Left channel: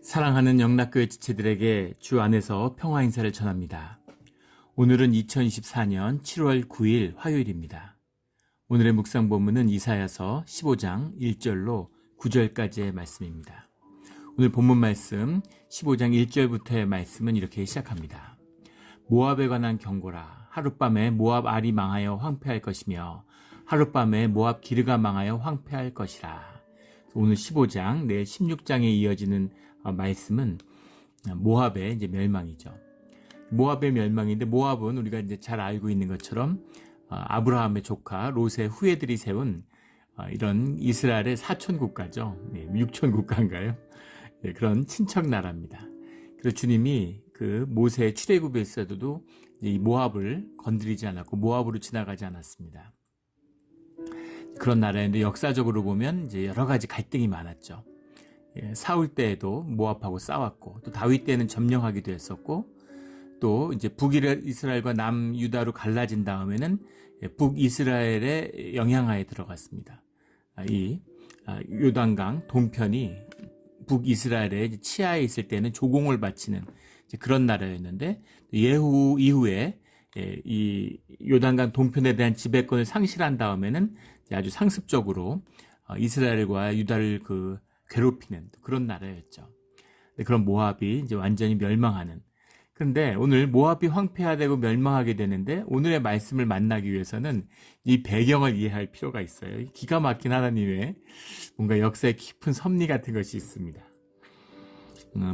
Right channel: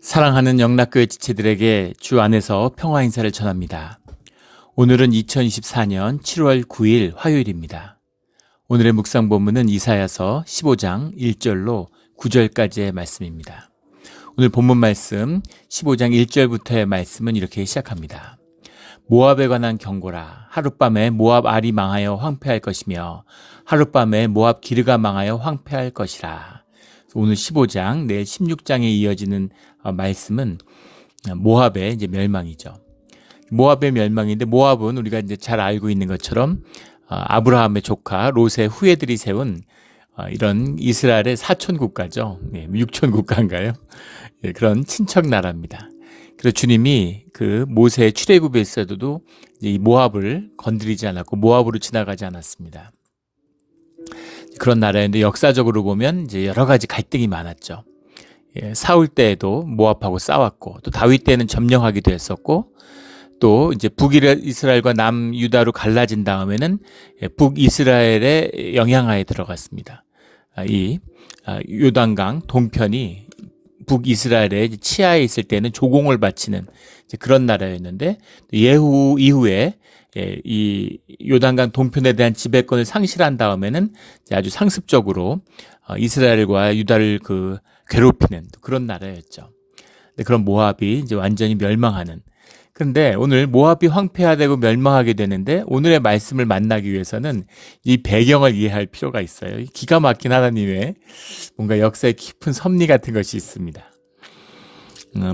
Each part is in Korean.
사랑하는 영락교회 지체들에게 주 안에서 평화 인사를 전합니다. 오늘은 2024년 7월 9일 화요일입니다. 오늘의 묵상 본문은 이사야서 15장 1절로 9절까지의 말씀입니다. 오늘 본문 말씀 15장 1절부터의 말씀은 이렇게 시작합니다. 모압에 관한 경고라. 하룻밤에 모압 알이 망하여 황폐할 것이며 하룻밤에 모압 기르가 망하여 황폐할 것이라. 오늘 15장, 내일 16장에 이어지는 말씀은 모압의 이제 멸망이죠. 모압의 멸망인데, 모압은 우리가 이제 잘 알고 있는 것처럼 아브라함의 조카 롯의 후예들이 세운 이런 이스라엘의 사촌 국가죠. 육촌 국가인가요? 그런 친척 나라입니다. 그래서 주님이 그 모세의 출애굽에서도 이 모압을 건드리지 않았고 모압으로 지나가지 않았습니다. 그런 나라인데 역사적으로 보면 이제 여러 가지 갈등이 많았죠. 사울 때에도 모압하고 싸웠고, 또 다윗 때는 점령하기도 했었고, 또 이제 북이스라엘과 남유다로 갈라진 다음에는 북이스라엘의 영향하에 들어갔습니다. 이 요단강 동편이 북이스라엘의 치하에 있을 때는 조공을 바치는 그런 나라였는데, 예후 이후에 이 요단강 동편에 대한 지배권을 상실한 다음에는 아주 상습적으로 이스라엘과 유다를 괴롭히는 그런 나라였죠. 그런 모압이 이제 완전히 멸망하는. 그런데 오늘 모압이 황폐화되고 멸망하게 되는데, 오늘의 말씀을 만나기 위해서는 이 배경을 이해할 필요가 있어요. 기가 막힌 하나님의 뭔가 역사의 깊은 섭리 같은 것이 있습니다.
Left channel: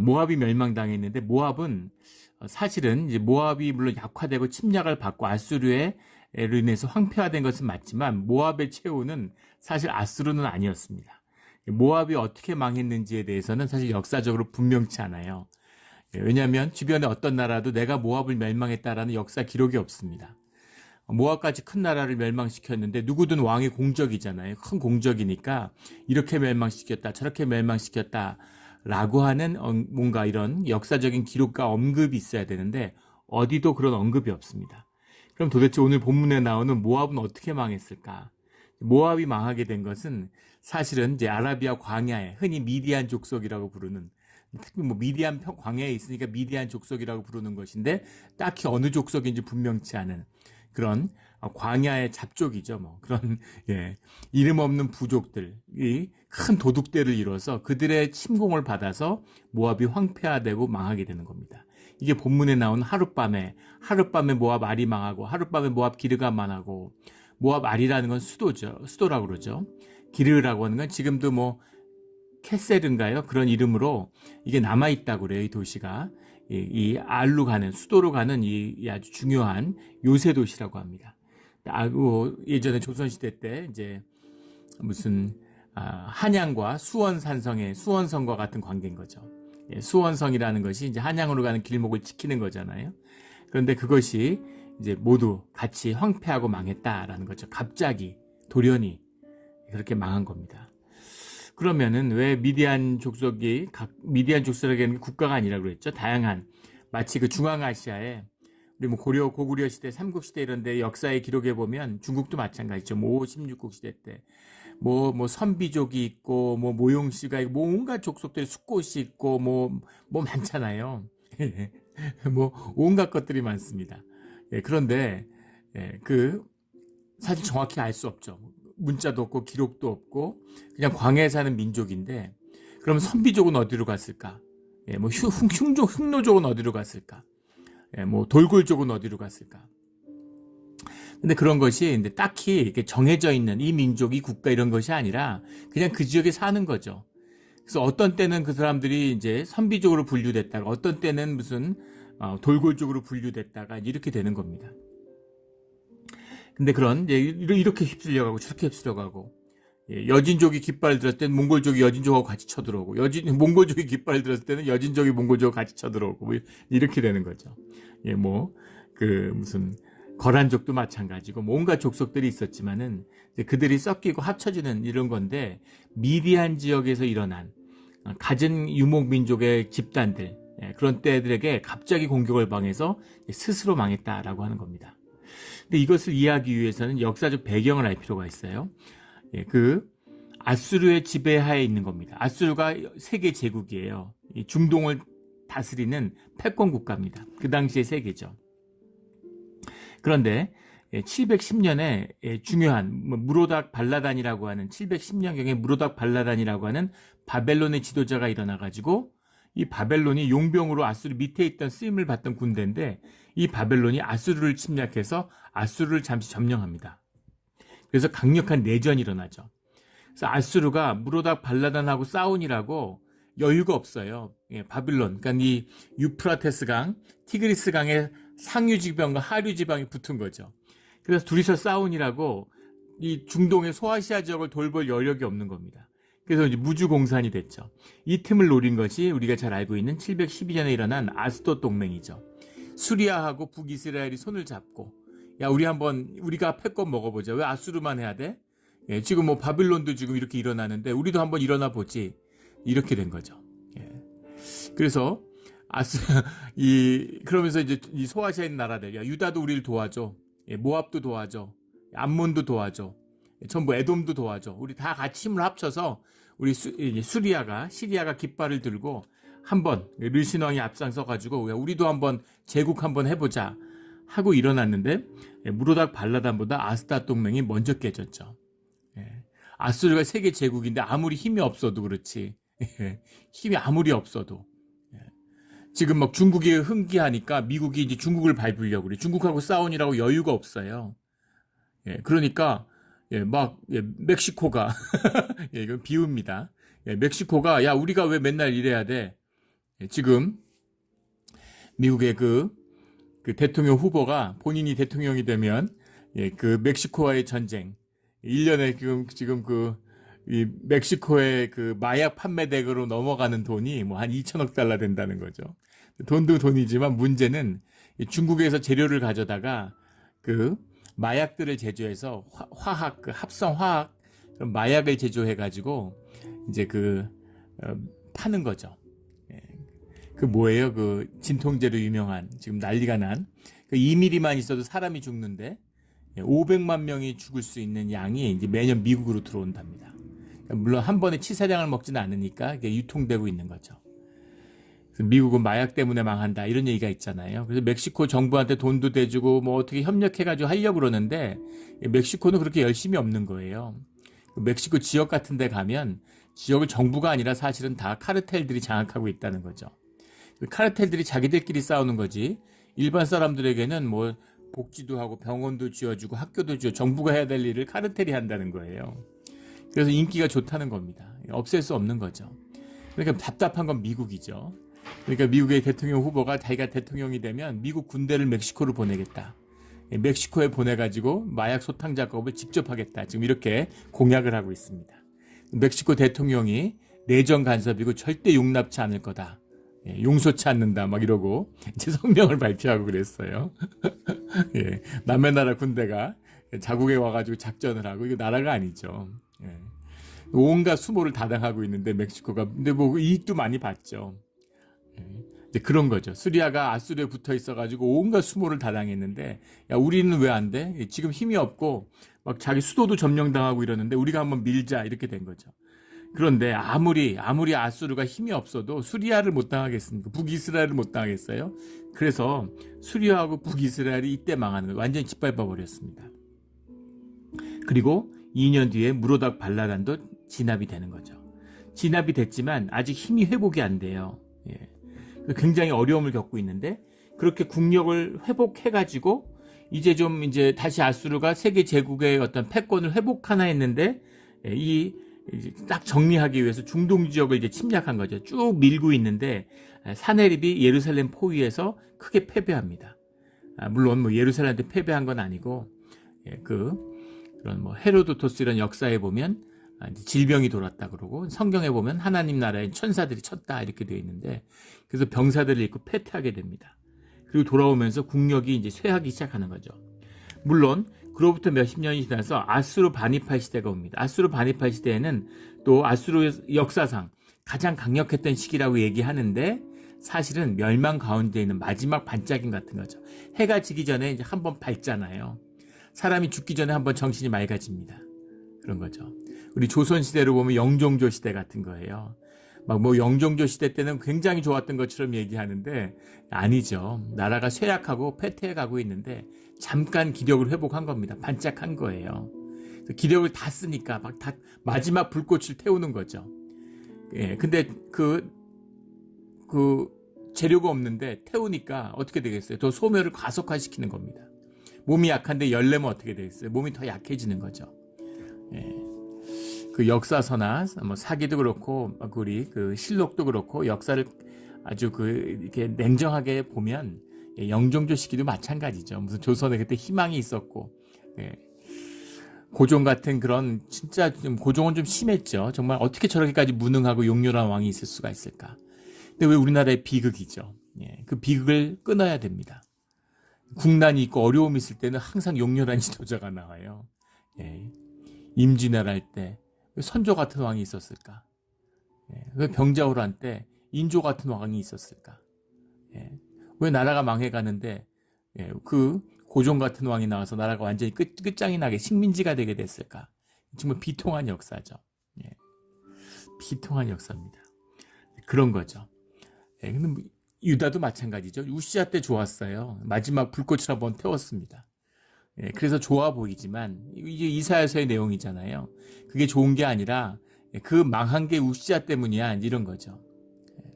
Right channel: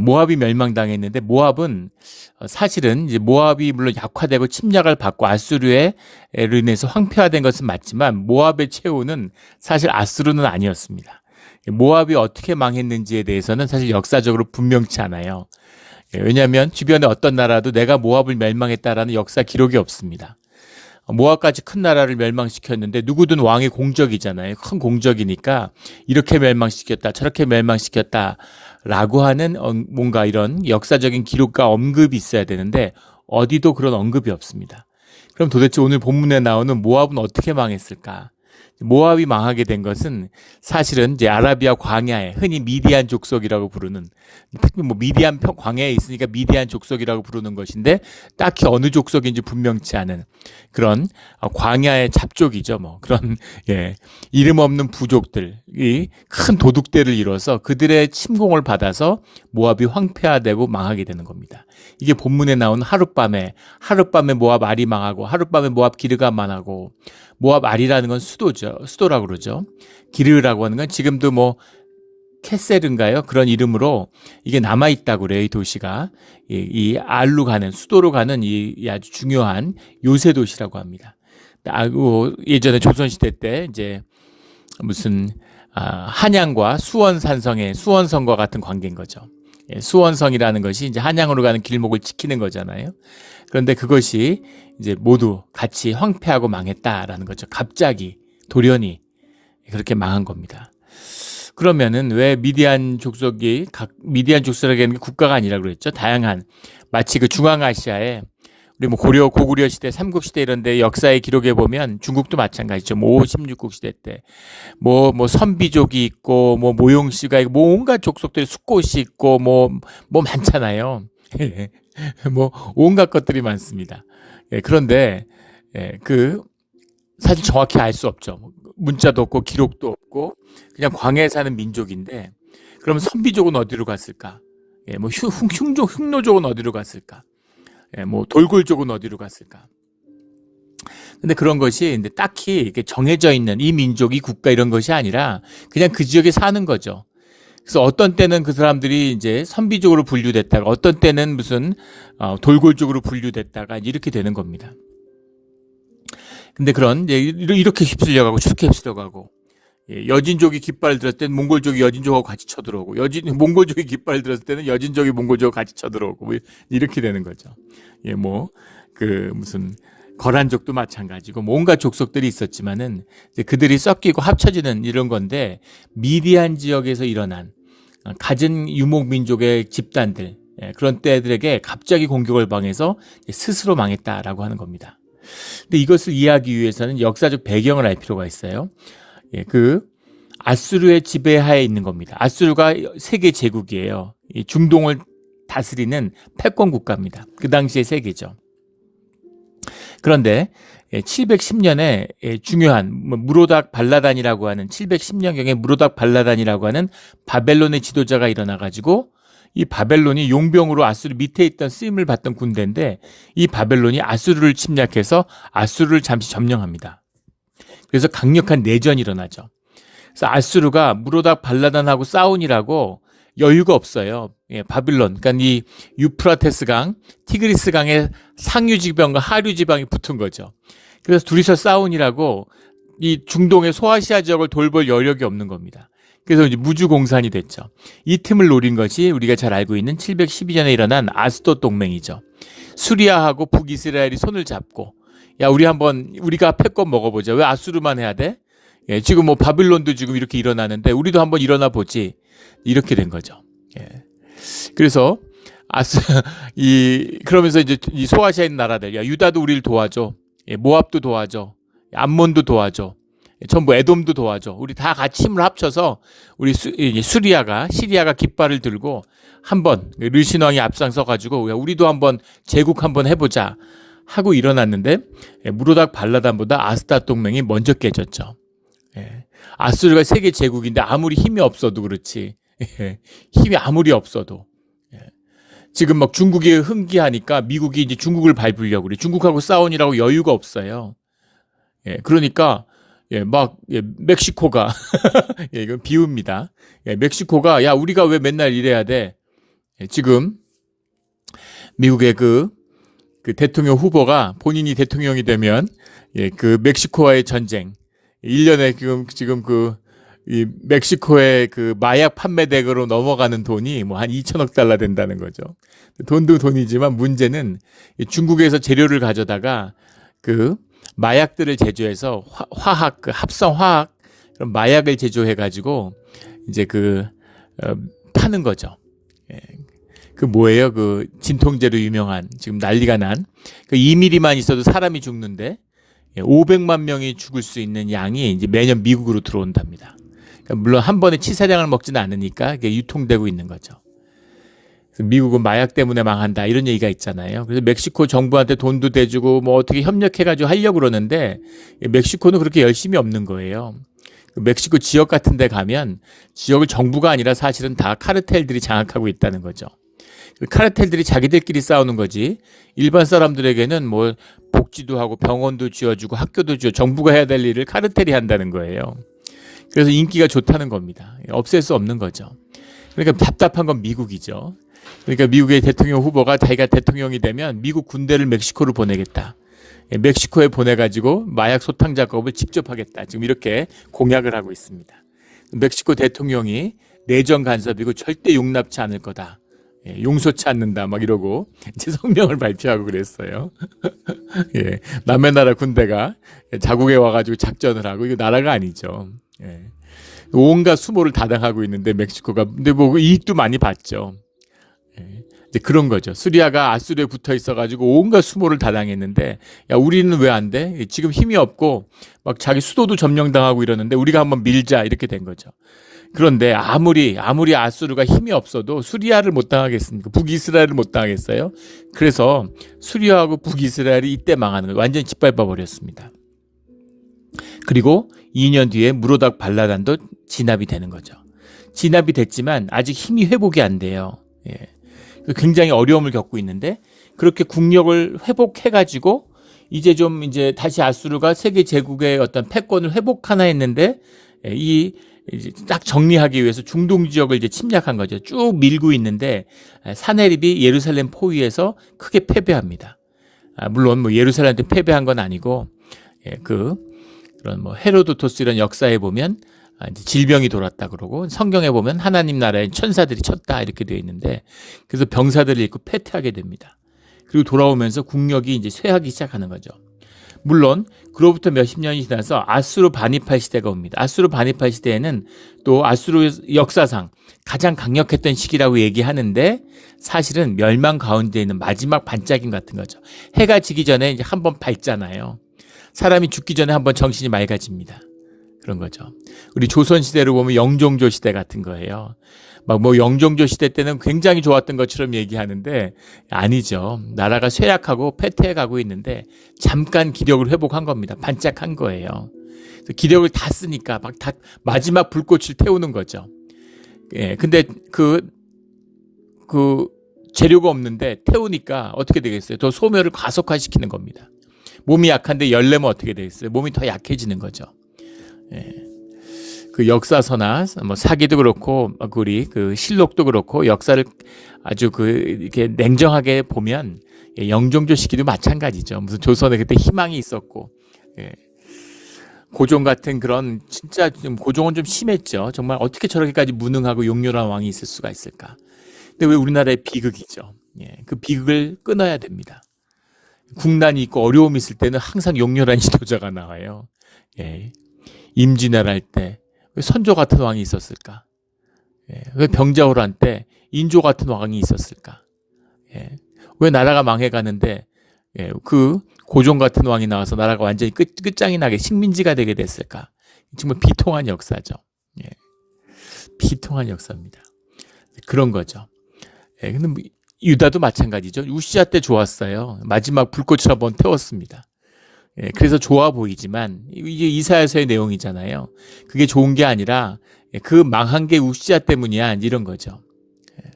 모압이 멸망당했는데, 모압은 사실은 이제 모압이 물론 약화되고 침략을 받고 아수르로 인해서 황폐화된 것은 맞지만, 모압의 최후는 사실 아수르는 아니었습니다. 모압이 어떻게 망했는지에 대해서는 사실 역사적으로 분명치 않아요. 왜냐하면 주변에 어떤 나라도 내가 모압을 멸망했다라는 역사 기록이 없습니다. 모압까지 큰 나라를 멸망시켰는데, 누구든 왕의 공적이잖아요. 큰 공적이니까 이렇게 멸망시켰다, 저렇게 멸망시켰다 라고 하는 뭔가 이런 역사적인 기록과 언급이 있어야 되는데, 어디도 그런 언급이 없습니다. 그럼 도대체 오늘 본문에 나오는 모압은 어떻게 망했을까? 모압이 망하게 된 것은 사실은 이제 아라비아 광야에, 흔히 미디안 족속이라고 부르는, 특히 미디안 광야에 있으니까 미디안 족속이라고 부르는 것인데, 딱히 어느 족속인지 분명치 않은 그런 광야의 잡족이죠. 그런 이름 없는 부족들이 큰 도둑대를 이뤄서 그들의 침공을 받아서 모압이 황폐화되고 망하게 되는 겁니다. 이게 본문에 나온 하룻밤에 모압 알이 망하고, 하룻밤에 모압 기르가 망하고. 모압 알이라는 건 수도라고 그러죠. 기르라고 하는 건 지금도 캐셀인가요? 그런 이름으로 이게 남아있다고 그래요. 이 도시가. 이 알로 가는, 수도로 가는 이 아주 중요한 요새 도시라고 합니다. 예전에 조선시대 때 이제 무슨 한양과 수원산성의 수원성과 같은 관계인 거죠. 수원성이라는 것이 이제 한양으로 가는 길목을 지키는 거잖아요. 그런데 그것이 이제 모두 같이 황폐하고 망했다라는 거죠. 갑자기 돌연히 그렇게 망한 겁니다. 그러면은 왜 미디안 족속에게는 국가가 아니라고 그랬죠? 다양한, 마치 중앙아시아에 우리 고구려 시대, 삼국시대 이런 데 역사의 기록에 보면 중국도 마찬가지죠. 5, 16국 시대 때 선비족이 있고 모용씨가 있고 온갖 족속들이, 숫꽃이 있고 많잖아요. 온갖 것들이 많습니다. 그런데 사실 정확히 알 수 없죠. 문자도 없고 기록도 없고 그냥 광야에 사는 민족인데, 그럼 선비족은 어디로 갔을까? 흉노족은 어디로 갔을까? 돌굴족은 어디로 갔을까? 근데 그런 것이 근데 딱히 이렇게 정해져 있는 이 민족, 이 국가 이런 것이 아니라 그냥 그 지역에 사는 거죠. 그래서 어떤 때는 그 사람들이 이제 선비족으로 분류됐다가, 어떤 때는 무슨 돌골족으로 분류됐다가 이렇게 되는 겁니다. 근데 이렇게 휩쓸려가고 저렇게 휩쓸려가고, 여진족이 깃발을 들었을 때는 몽골족이 여진족하고 같이 쳐들어오고, 몽골족이 깃발을 들었을 때는 여진족이 몽골족하고 같이 쳐들어오고, 이렇게 되는 거죠. 무슨 거란족도 마찬가지고 온갖 족속들이 있었지만은 그들이 섞이고 합쳐지는 이런 건데, 미디안 지역에서 일어난 가진 유목민족의 집단들, 그런 때들에게 갑자기 공격을 당해서 스스로 망했다라고 하는 겁니다. 근데 이것을 이해하기 위해서는 역사적 배경을 알 필요가 있어요. 아수르의 지배하에 있는 겁니다. 아수르가 세계 제국이에요. 이 중동을 다스리는 패권 국가입니다. 그 당시의 세계죠. 그런데 710년에 중요한 무로닥 발라단이라고 하는 710년경에 무로닥 발라단이라고 하는 바벨론의 지도자가 일어나가지고 이 바벨론이 용병으로 아수르 밑에 있던 쓰임을 받던 군대인데 이 바벨론이 아수르를 침략해서 아수르를 잠시 점령합니다. 그래서 강력한 내전이 일어나죠. 그래서 아수르가 무로닥 발라단하고 싸우니라고 여유가 없어요. 바빌론, 그러니까 이 유프라테스 강, 티그리스 강의 상류 지방과 하류 지방이 붙은 거죠. 그래서 둘이서 싸우니라고 이 중동의 소아시아 지역을 돌볼 여력이 없는 겁니다. 그래서 이제 무주공산이 됐죠. 이 틈을 노린 것이 우리가 잘 알고 있는 712년에 일어난 아스돗 동맹이죠. 수리아하고 북이스라엘이 손을 잡고 야 우리가 패권 먹어보자. 왜 아수르만 해야 돼? 지금 뭐 바빌론도 지금 이렇게 일어나는데 우리도 한번 일어나 보지. 이렇게 된 거죠. 그래서 그러면서 이제 이 소아시아에 있는 나라들, 야 유다도 우리를 도와줘, 모압도 도와줘, 암몬도 도와줘, 전부 에돔도 도와줘. 우리 다 같이 힘을 합쳐서 우리 시리아가 깃발을 들고 한번 르신 왕이 앞장서 가지고 우리도 한번 제국 한번 해보자 하고 일어났는데 무로닥 발라단보다 아스돗 동맹이 먼저 깨졌죠. 아수르가 세계 제국인데 아무리 힘이 없어도 그렇지. 힘이 아무리 없어도 지금 막 중국이 흥기하니까 미국이 이제 중국을 밟으려고 그래. 중국하고 싸우니라고 여유가 없어요. 그러니까 멕시코가 이건 비유입니다. 멕시코가 야 우리가 왜 맨날 이래야 돼? 지금 미국의 그 대통령 후보가 본인이 대통령이 되면 그 멕시코와의 전쟁 1년에 지금 이 멕시코의 그 마약 판매 대거로 넘어가는 돈이 뭐 한 2천억 달러 된다는 거죠. 돈도 돈이지만 문제는 중국에서 재료를 가져다가 그 마약들을 제조해서 화학, 그 합성 화학 그런 마약을 제조해 가지고 이제 파는 거죠. 그 뭐예요? 그 진통제로 유명한 지금 난리가 난 그 2mm만 있어도 사람이 죽는데 500만 명이 죽을 수 있는 양이 이제 매년 미국으로 들어온답니다. 물론 한 번에 치사량을 먹지는 않으니까 이게 유통되고 있는 거죠. 미국은 마약 때문에 망한다 이런 얘기가 있잖아요. 그래서 멕시코 정부한테 돈도 대주고 뭐 어떻게 협력해가지고 하려고 그러는데 멕시코는 그렇게 열심히 없는 거예요. 멕시코 지역 같은 데 가면 지역을 정부가 아니라 사실은 다 카르텔들이 장악하고 있다는 거죠. 카르텔들이 자기들끼리 싸우는 거지 일반 사람들에게는 뭐 복지도 하고 병원도 지어주고 학교도 지어 정부가 해야 될 일을 카르텔이 한다는 거예요. 그래서 인기가 좋다는 겁니다. 없앨 수 없는 거죠. 그러니까 답답한 건 미국이죠. 그러니까 미국의 대통령 후보가 자기가 대통령이 되면 미국 군대를 멕시코로 보내겠다. 멕시코에 보내가지고 마약 소탕 작업을 직접 하겠다. 지금 이렇게 공약을 하고 있습니다. 멕시코 대통령이 내정 간섭이고 절대 용납치 않을 거다. 용서치 않는다 막 이러고 이제 성명을 발표하고 그랬어요. 남의 나라 군대가 자국에 와가지고 작전을 하고 이거 나라가 아니죠. 온갖 수모를 다당하고 있는데 멕시코가 근데 뭐 이익도 많이 봤죠. 이제 그런 거죠. 시리아가 아수르에 붙어 있어가지고 온갖 수모를 다당했는데 야 우리는 왜 안 돼? 지금 힘이 없고 막 자기 수도도 점령당하고 이러는데 우리가 한번 밀자 이렇게 된 거죠. 그런데 아무리 아수르가 힘이 없어도 수리아를 못 당하겠습니까? 북이스라엘을 못 당하겠어요? 그래서 수리아하고 북이스라엘이 이때 망하는 거예요. 완전히 짓밟아 버렸습니다. 그리고 2년 뒤에 무로닥 발라단도 진압이 되는 거죠. 진압이 됐지만 아직 힘이 회복이 안 돼요. 굉장히 어려움을 겪고 있는데 그렇게 국력을 회복해가지고 이제 다시 아수르가 세계 제국의 어떤 패권을 회복하나 했는데 이제 딱 정리하기 위해서 중동 지역을 이제 침략한 거죠. 쭉 밀고 있는데 사네립이 예루살렘 포위에서 크게 패배합니다. 물론 뭐 예루살렘한테 패배한 건 아니고 그런 뭐 헤로도토스 이런 역사에 보면 이제 질병이 돌았다 그러고 성경에 보면 하나님 나라에 천사들이 쳤다 이렇게 되어 있는데 그래서 병사들을 잃고 패퇴하게 됩니다. 그리고 돌아오면서 국력이 이제 쇠하기 시작하는 거죠. 물론 그로부터 몇십 년이 지나서 아수르 바니팔 시대가 옵니다. 아수르 바니팔 시대에는 또 아수르 역사상 가장 강력했던 시기라고 얘기하는데 사실은 멸망 가운데 있는 마지막 반짝임 같은 거죠. 해가 지기 전에 이제 한번 밝잖아요. 사람이 죽기 전에 한번 정신이 맑아집니다. 그런 거죠. 우리 조선 시대로 보면 영종조 시대 같은 거예요. 막 뭐 영종조 시대 때는 굉장히 좋았던 것처럼 얘기하는데 아니죠. 나라가 쇠약하고 패퇴해 가고 있는데 잠깐 기력을 회복한 겁니다. 반짝한 거예요. 그래서 기력을 다 쓰니까 막 다 마지막 불꽃을 태우는 거죠. 예, 근데 그 재료가 없는데 태우니까 어떻게 되겠어요? 더 소멸을 가속화시키는 겁니다. 몸이 약한데 열내면 어떻게 되겠어요? 몸이 더 약해지는 거죠. 예. 그 역사서나 뭐 사기도 그렇고 우리 그 실록도 그렇고 역사를 아주 이렇게 냉정하게 보면 영종조 시기도 마찬가지죠. 무슨 조선에 그때 희망이 있었고 예. 고종 같은 그런 진짜 좀 고종은 좀 심했죠. 정말 어떻게 저렇게까지 무능하고 용렬한 왕이 있을 수가 있을까? 근데 왜 우리나라의 비극이죠. 예. 그 비극을 끊어야 됩니다. 국난이 있고 어려움이 있을 때는 항상 용렬한 지도자가 나와요. 예. 임진왜란 때 왜 선조 같은 왕이 있었을까? 예. 왜 병자호란 때 인조 같은 왕이 있었을까? 예. 왜 나라가 망해가는데 예. 그 고종 같은 왕이 나와서 나라가 완전히 끝장이 나게 식민지가 되게 됐을까? 정말 비통한 역사죠. 예. 비통한 역사입니다. 그런 거죠. 예. 근데 뭐 유다도 마찬가지죠. 우시아 때 좋았어요. 마지막 불꽃을 한번 태웠습니다. 예, 그래서 좋아 보이지만 이게 이사야서의 내용이잖아요. 그게 좋은 게 아니라 그 망한 게 우시아 때문이야 이런 거죠. 예.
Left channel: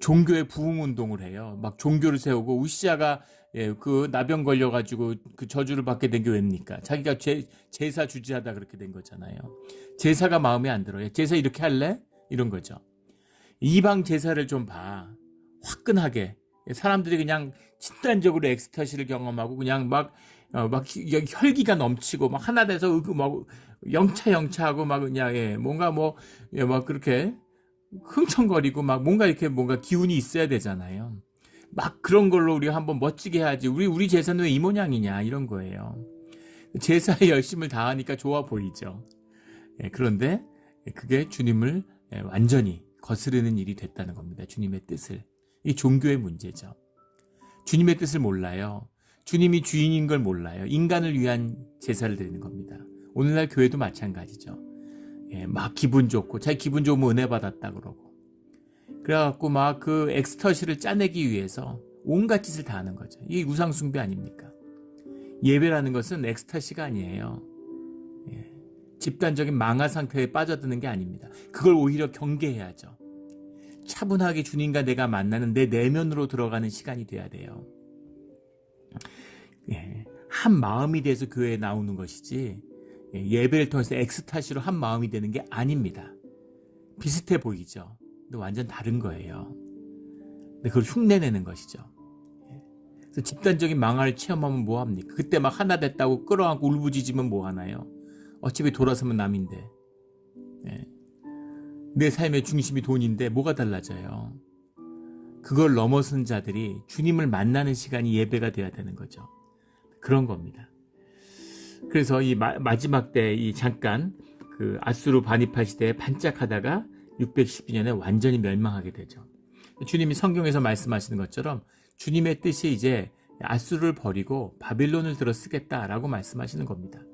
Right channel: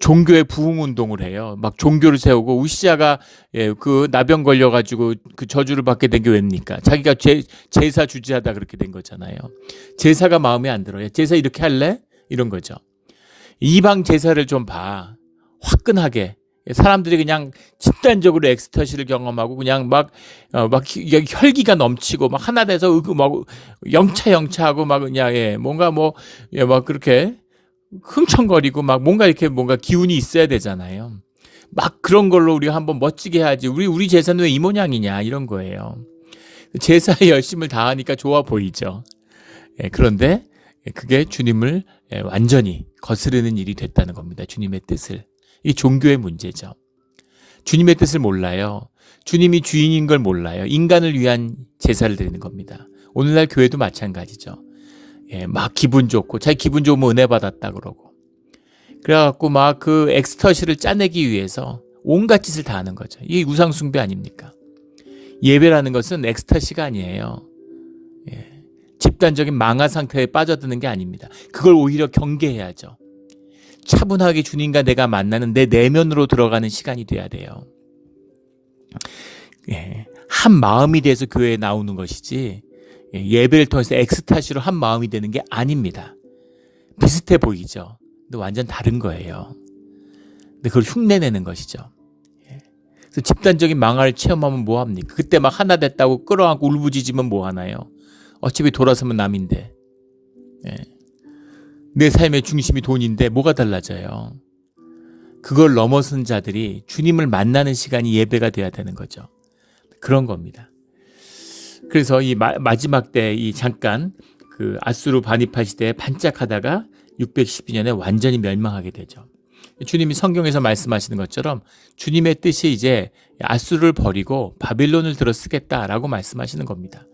종교의 부흥운동을 해요. 막 종교를 세우고 우시아가 예, 그 나병 걸려가지고 그 저주를 받게 된 게 왜입니까? 자기가 제사 주지하다 그렇게 된 거잖아요. 제사가 마음에 안 들어요. 제사 이렇게 할래? 이런 거죠. 이방 제사를 좀 봐. 화끈하게. 사람들이 그냥 집단적으로 엑스터시를 경험하고 그냥 막 혈기가 넘치고 막 하나 돼서 막 영차하고 막 그냥 예, 뭔가 뭐 예, 막 그렇게 흥청거리고 막 뭔가 이렇게 뭔가 기운이 있어야 되잖아요. 막 그런 걸로 우리가 한번 멋지게 해야지. 우리 제사는 왜 이 모양이냐 이런 거예요. 제사에 열심을 다하니까 좋아 보이죠. 예, 그런데 그게 주님을 완전히 거스르는 일이 됐다는 겁니다. 주님의 뜻을. 이 종교의 문제죠. 주님의 뜻을 몰라요. 주님이 주인인 걸 몰라요. 인간을 위한 제사를 드리는 겁니다. 오늘날 교회도 마찬가지죠. 예, 막 기분 좋고 자기 기분 좋으면 은혜 받았다 그러고 그래갖고 막 그 엑스터시를 짜내기 위해서 온갖 짓을 다 하는 거죠. 이게 우상숭배 아닙니까? 예배라는 것은 엑스터시가 아니에요. 예, 집단적인 망화 상태에 빠져드는 게 아닙니다. 그걸 오히려 경계해야죠. 차분하게 주님과 내가 만나는 내 내면으로 들어가는 시간이 돼야 돼요. 예, 한 마음이 돼서 교회에 나오는 것이지 예배를 통해서 엑스타시로 한 마음이 되는 게 아닙니다. 비슷해 보이죠. 근데 완전 다른 거예요. 근데 그걸 흉내내는 것이죠. 예. 그래서 집단적인 망화를 체험하면 뭐합니까? 그때 막 하나 됐다고 끌어안고 울부짖으면 뭐하나요? 어차피 돌아서면 남인데. 예. 내 삶의 중심이 돈인데 뭐가 달라져요? 그걸 넘어선 자들이 주님을 만나는 시간이 예배가 돼야 되는 거죠. 그런 겁니다. 그래서 이 마지막 때 이 잠깐 그 아수르 반입할 시대에 반짝하다가 612년에 완전히 멸망하게 되죠. 주님이 성경에서 말씀하시는 것처럼 주님의 뜻이 이제 아수르를 버리고 바빌론을 들어 쓰겠다라고 말씀하시는 겁니다.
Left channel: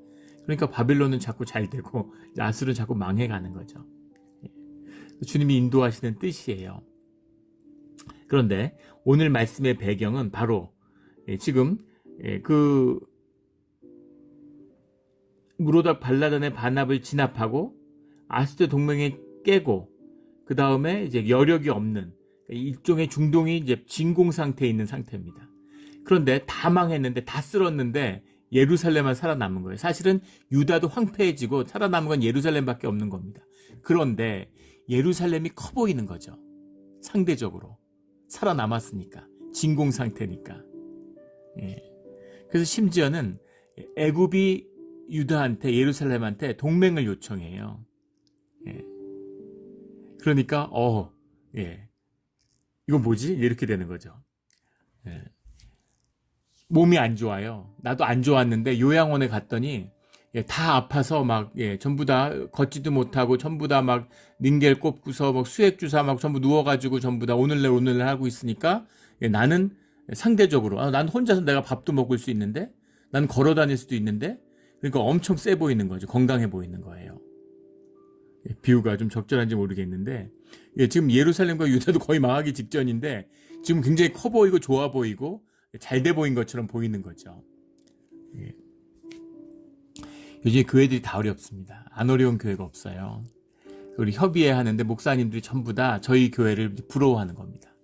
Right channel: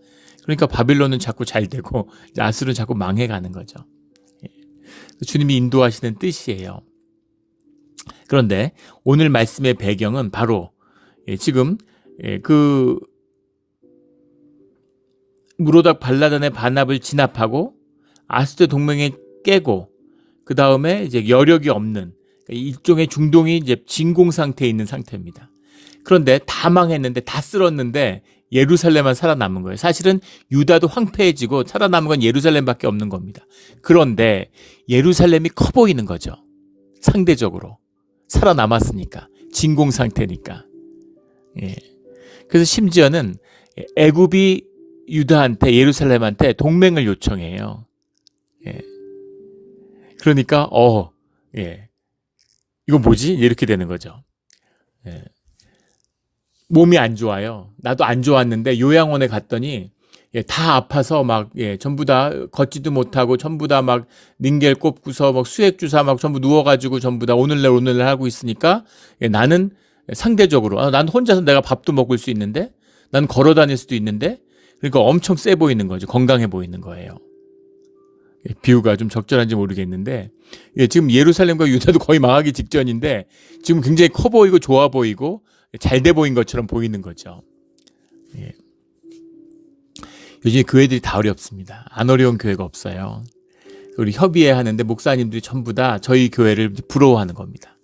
그러니까 바빌론은 자꾸 잘 되고 아수르는 자꾸 망해가는 거죠. 주님이 인도하시는 뜻이에요. 그런데 오늘 말씀의 배경은 바로 지금 그 무로닥 발라단의 반합을 진압하고 아수르 동맹에 깨고 그 다음에 이제 여력이 없는 일종의 중동이 이제 진공 상태에 있는 상태입니다. 그런데 다 망했는데 다 쓸었는데 예루살렘만 살아남은 거예요. 사실은 유다도 황폐해지고 살아남은 건 예루살렘밖에 없는 겁니다. 그런데 예루살렘이 커 보이는 거죠. 상대적으로 살아남았으니까 진공 상태니까. 예. 그래서 심지어는 애굽이 유다한테 예루살렘한테 동맹을 요청해요. 예. 그러니까 예. 이거 뭐지? 이렇게 되는 거죠. 예. 몸이 안 좋아요. 나도 안 좋았는데 요양원에 갔더니 다 아파서 막 전부 다 걷지도 못하고 전부 다 막 닌겔 꼽고서 막 수액 주사 막 전부 누워가지고 전부 다 오늘날 하고 있으니까 나는 상대적으로 난 혼자서 내가 밥도 먹을 수 있는데 난 걸어 다닐 수도 있는데 그러니까 엄청 세 보이는 거죠. 건강해 보이는 거예요. 비유가 좀 적절한지 모르겠는데, 지금 예루살렘과 유다도 거의 망하기 직전인데 지금 굉장히 커 보이고 좋아 보이고 잘 돼 보인 것처럼 보이는 거죠. 예. 요즘 교회들이 다 어렵습니다. 안 어려운 교회가 없어요. 우리 협의회 하는데 목사님들이 전부 다 저희 교회를 부러워하는 겁니다.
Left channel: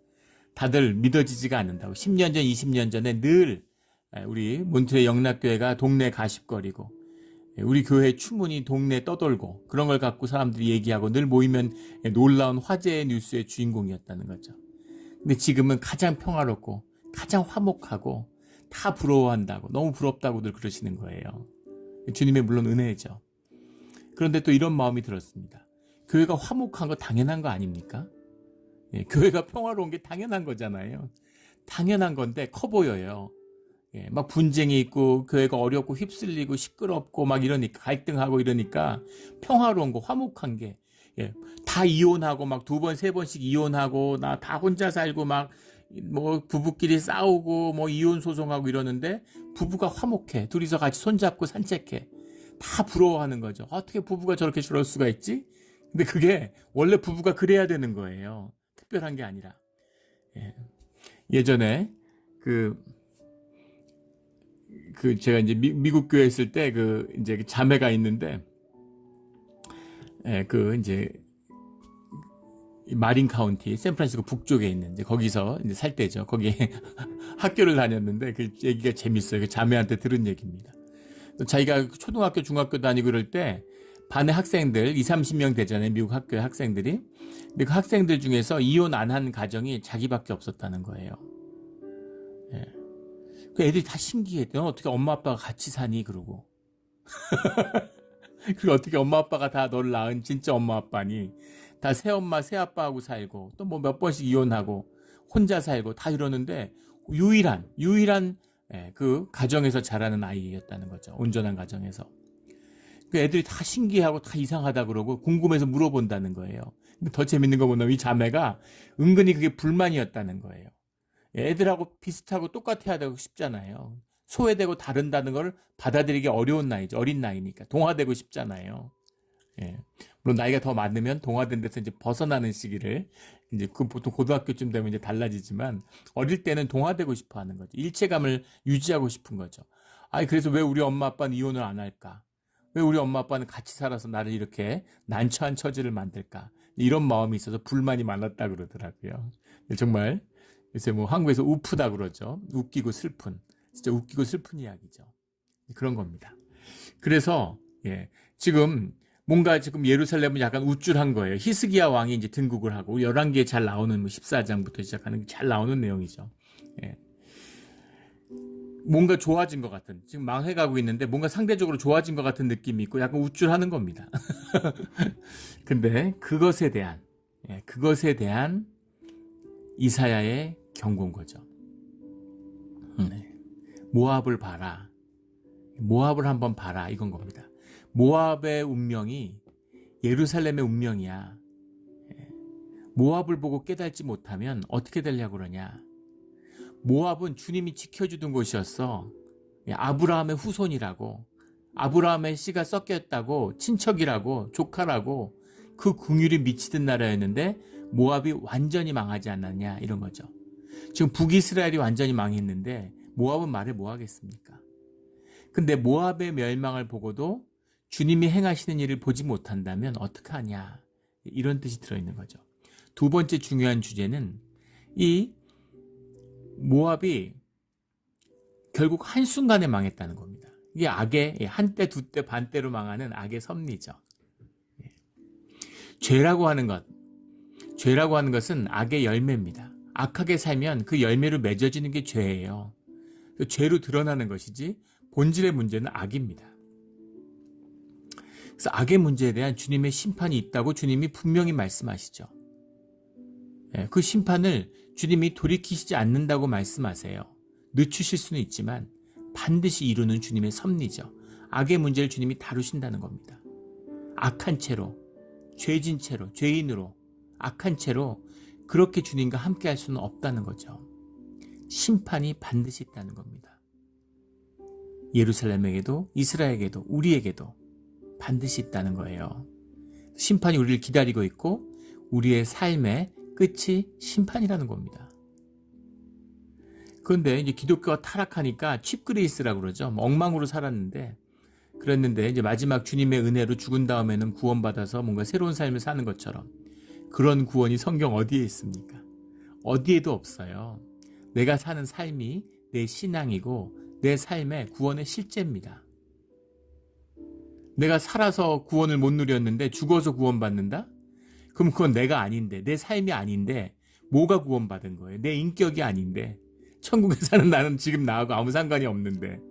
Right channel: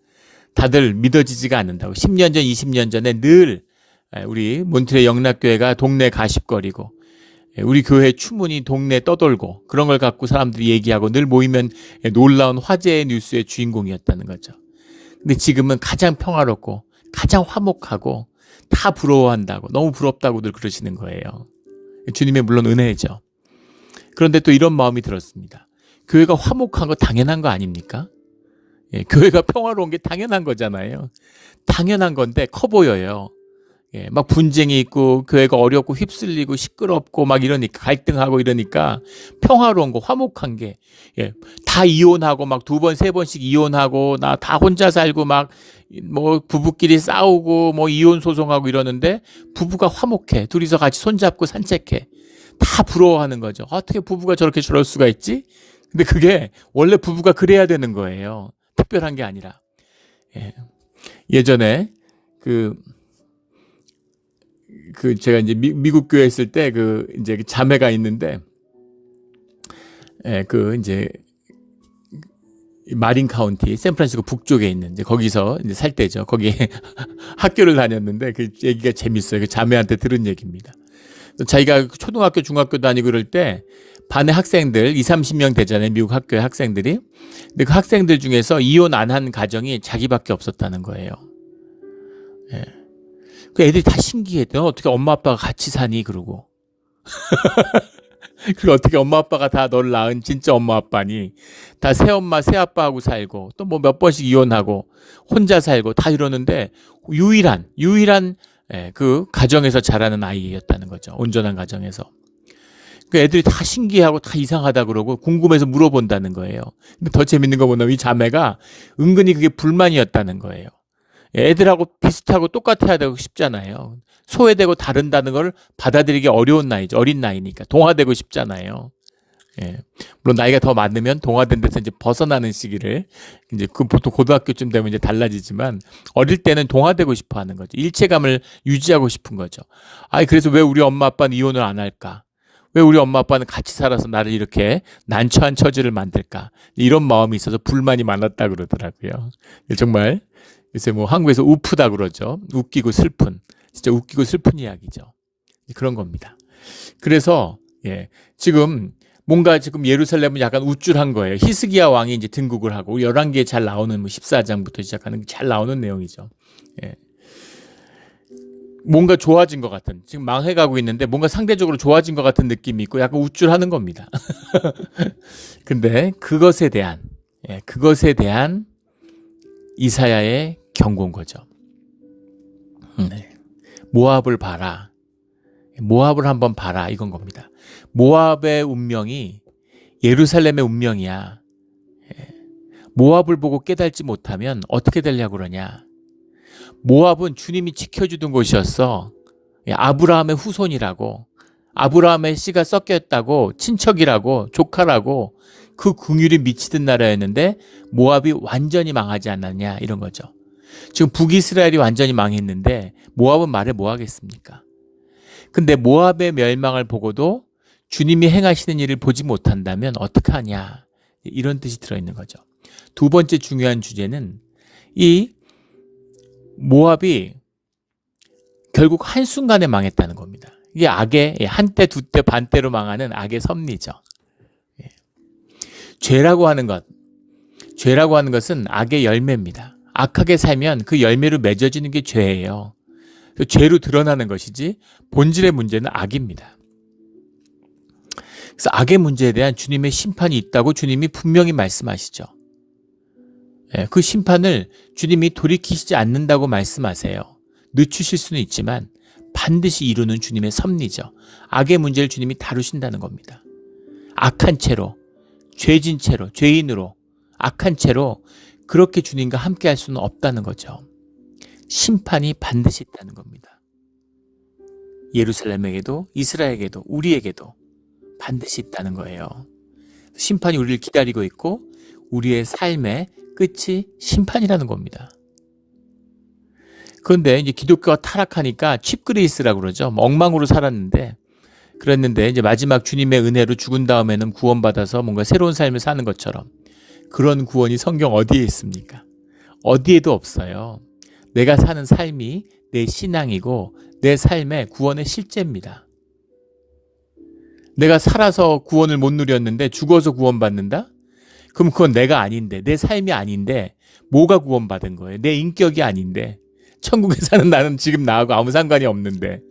다들 믿어지지가 않는다고. 10년 전, 20년 전에 늘 우리 몬트레 영락교회가 동네 가십거리고, 우리 교회 추문이 동네 떠돌고, 그런 걸 갖고 사람들이 얘기하고 늘 모이면 놀라운 화제의 뉴스의 주인공이었다는 거죠. 근데 지금은 가장 평화롭고 가장 화목하고 다 부러워한다고, 너무 부럽다고들 그러시는 거예요. 주님의 물론 은혜죠. 그런데 또 이런 마음이 들었습니다. 교회가 화목한 거 당연한 거 아닙니까? 교회가 평화로운 게 당연한 거잖아요. 당연한 건데 커 보여요. 막 분쟁이 있고 교회가 어렵고 휩쓸리고 시끄럽고 막 이러니까, 갈등하고 이러니까 평화로운 거, 화목한 게, 다 이혼하고 막 2번 3번씩 이혼하고 나 다 혼자 살고 막 뭐 부부끼리 싸우고 뭐 이혼 소송하고 이러는데 부부가 화목해. 둘이서 같이 손잡고 산책해. 다 부러워하는 거죠. 어떻게 부부가 저렇게 저럴 수가 있지? 근데 그게 원래 부부가 그래야 되는 거예요. 특별한 게 아니라. 예전에 그 제가 이제 미국 교회 있을 때 이제 자매가 있는데, 이제 마린 카운티 샌프란시스코 북쪽에 있는 이제 거기서 이제 살 때죠. 거기에 학교를 다녔는데 그 얘기가 재밌어요. 그 자매한테 들은 얘기입니다. 자기가 초등학교, 중학교 다니고 그럴 때 반에 학생들 20-30명 되잖아요. 미국 학교의 학생들이. 근데 그 학생들 중에서 이혼 안 한 가정이 자기밖에 없었다는 거예요. 그 애들이 다 신기했대요. 어떻게 엄마 아빠가 같이 사니? 그러고. 그리고 어떻게 엄마 아빠가 다 너를 낳은 진짜 엄마 아빠니? 다 새엄마 새아빠하고 살고 또 뭐 몇 번씩 이혼하고 혼자 살고 다 이러는데 유일한 그 가정에서 자라는 아이였다는 거죠. 온전한 가정에서. 그 애들이 다 신기하고 다 이상하다 그러고 궁금해서 물어본다는 거예요. 근데 더 재밌는 거 보면 이 자매가 은근히 그게 불만이었다는 거예요. 애들하고 비슷하고 똑같아야 되고 싶잖아요. 소외되고 다른다는 걸 받아들이기 어려운 나이죠. 어린 나이니까. 동화되고 싶잖아요. 물론 나이가 더 많으면 동화된 데서 이제 벗어나는 시기를, 이제 그 보통 고등학교쯤 되면 이제 달라지지만, 어릴 때는 동화되고 싶어 하는 거죠. 일체감을 유지하고 싶은 거죠. 그래서 왜 우리 엄마 아빠는 이혼을 안 할까? 왜 우리 엄마 아빠는 같이 살아서 나를 이렇게 난처한 처지를 만들까? 이런 마음이 있어서 불만이 많았다 그러더라고요. 정말 요새 뭐 한국에서 우프다 그러죠. 웃기고 슬픈, 진짜 웃기고 슬픈 이야기죠. 그런 겁니다. 그래서 지금 뭔가 지금 예루살렘은 약간 우쭐한 거예요. 히스기야 왕이 이제 등극을 하고, 열왕기에 잘 나오는 뭐 14장부터 시작하는 잘 나오는 내용이죠. 뭔가 좋아진 것 같은, 지금 망해가고 있는데 뭔가 상대적으로 좋아진 것 같은 느낌이 있고 약간 우쭐하는 겁니다. 근데 그것에 대한 이사야의 경고인 거죠. 모압을 봐라. 모압을 한번 봐라. 이건 겁니다. 모압의 운명이 예루살렘의 운명이야. 모압을 보고 깨닫지 못하면 어떻게 되려고 그러냐. 모압은 주님이 지켜주던 곳이었어. 아브라함의 후손이라고, 아브라함의 씨가 섞였다고, 친척이라고, 조카라고, 그 긍휼이 미치던 나라였는데 모압이 완전히 망하지 않았냐, 이런 거죠. 지금 북이스라엘이 완전히 망했는데 모압은 말해 뭐 하겠습니까? 근데 모압의 멸망을 보고도 주님이 행하시는 일을 보지 못한다면 어떡하냐, 이런 뜻이 들어있는 거죠. 두 번째 중요한 주제는 이 모압이 결국 한순간에 망했다는 겁니다. 이게 악의 한때 두때 반때로 망하는 악의 섭리죠. 죄라고 하는 것은 악의 열매입니다. 악하게 살면 그 열매로 맺어지는 게 죄예요. 죄로 드러나는 것이지 본질의 문제는 악입니다. 그래서 악의 문제에 대한 주님의 심판이 있다고 주님이 분명히 말씀하시죠. 그 심판을 주님이 돌이키시지 않는다고 말씀하세요. 늦추실 수는 있지만 반드시 이루는 주님의 섭리죠. 악의 문제를 주님이 다루신다는 겁니다. 악한 채로, 죄진 채로, 죄인으로, 악한 채로 그렇게 주님과 함께 할 수는 없다는 거죠. 심판이 반드시 있다는 겁니다. 예루살렘에게도, 이스라엘에게도, 우리에게도 반드시 있다는 거예요. 심판이 우리를 기다리고 있고 우리의 삶의 끝이 심판이라는 겁니다. 그런데 이제 기독교가 타락하니까 칩그레이스라고 그러죠. 엉망으로 살았는데 그랬는데 이제 마지막 주님의 은혜로 죽은 다음에는 구원받아서 뭔가 새로운 삶을 사는 것처럼 그런 구원이 성경 어디에 있습니까? 어디에도 없어요. 내가 사는 삶이 내 신앙이고 내 삶의 구원의 실제입니다. 내가 살아서 구원을 못 누렸는데 죽어서 구원받는다? 그럼 그건 내가 아닌데, 내 삶이 아닌데 뭐가 구원받은 거예요? 내 인격이 아닌데, 천국에 사는 나는 지금 나하고 아무 상관이 없는데,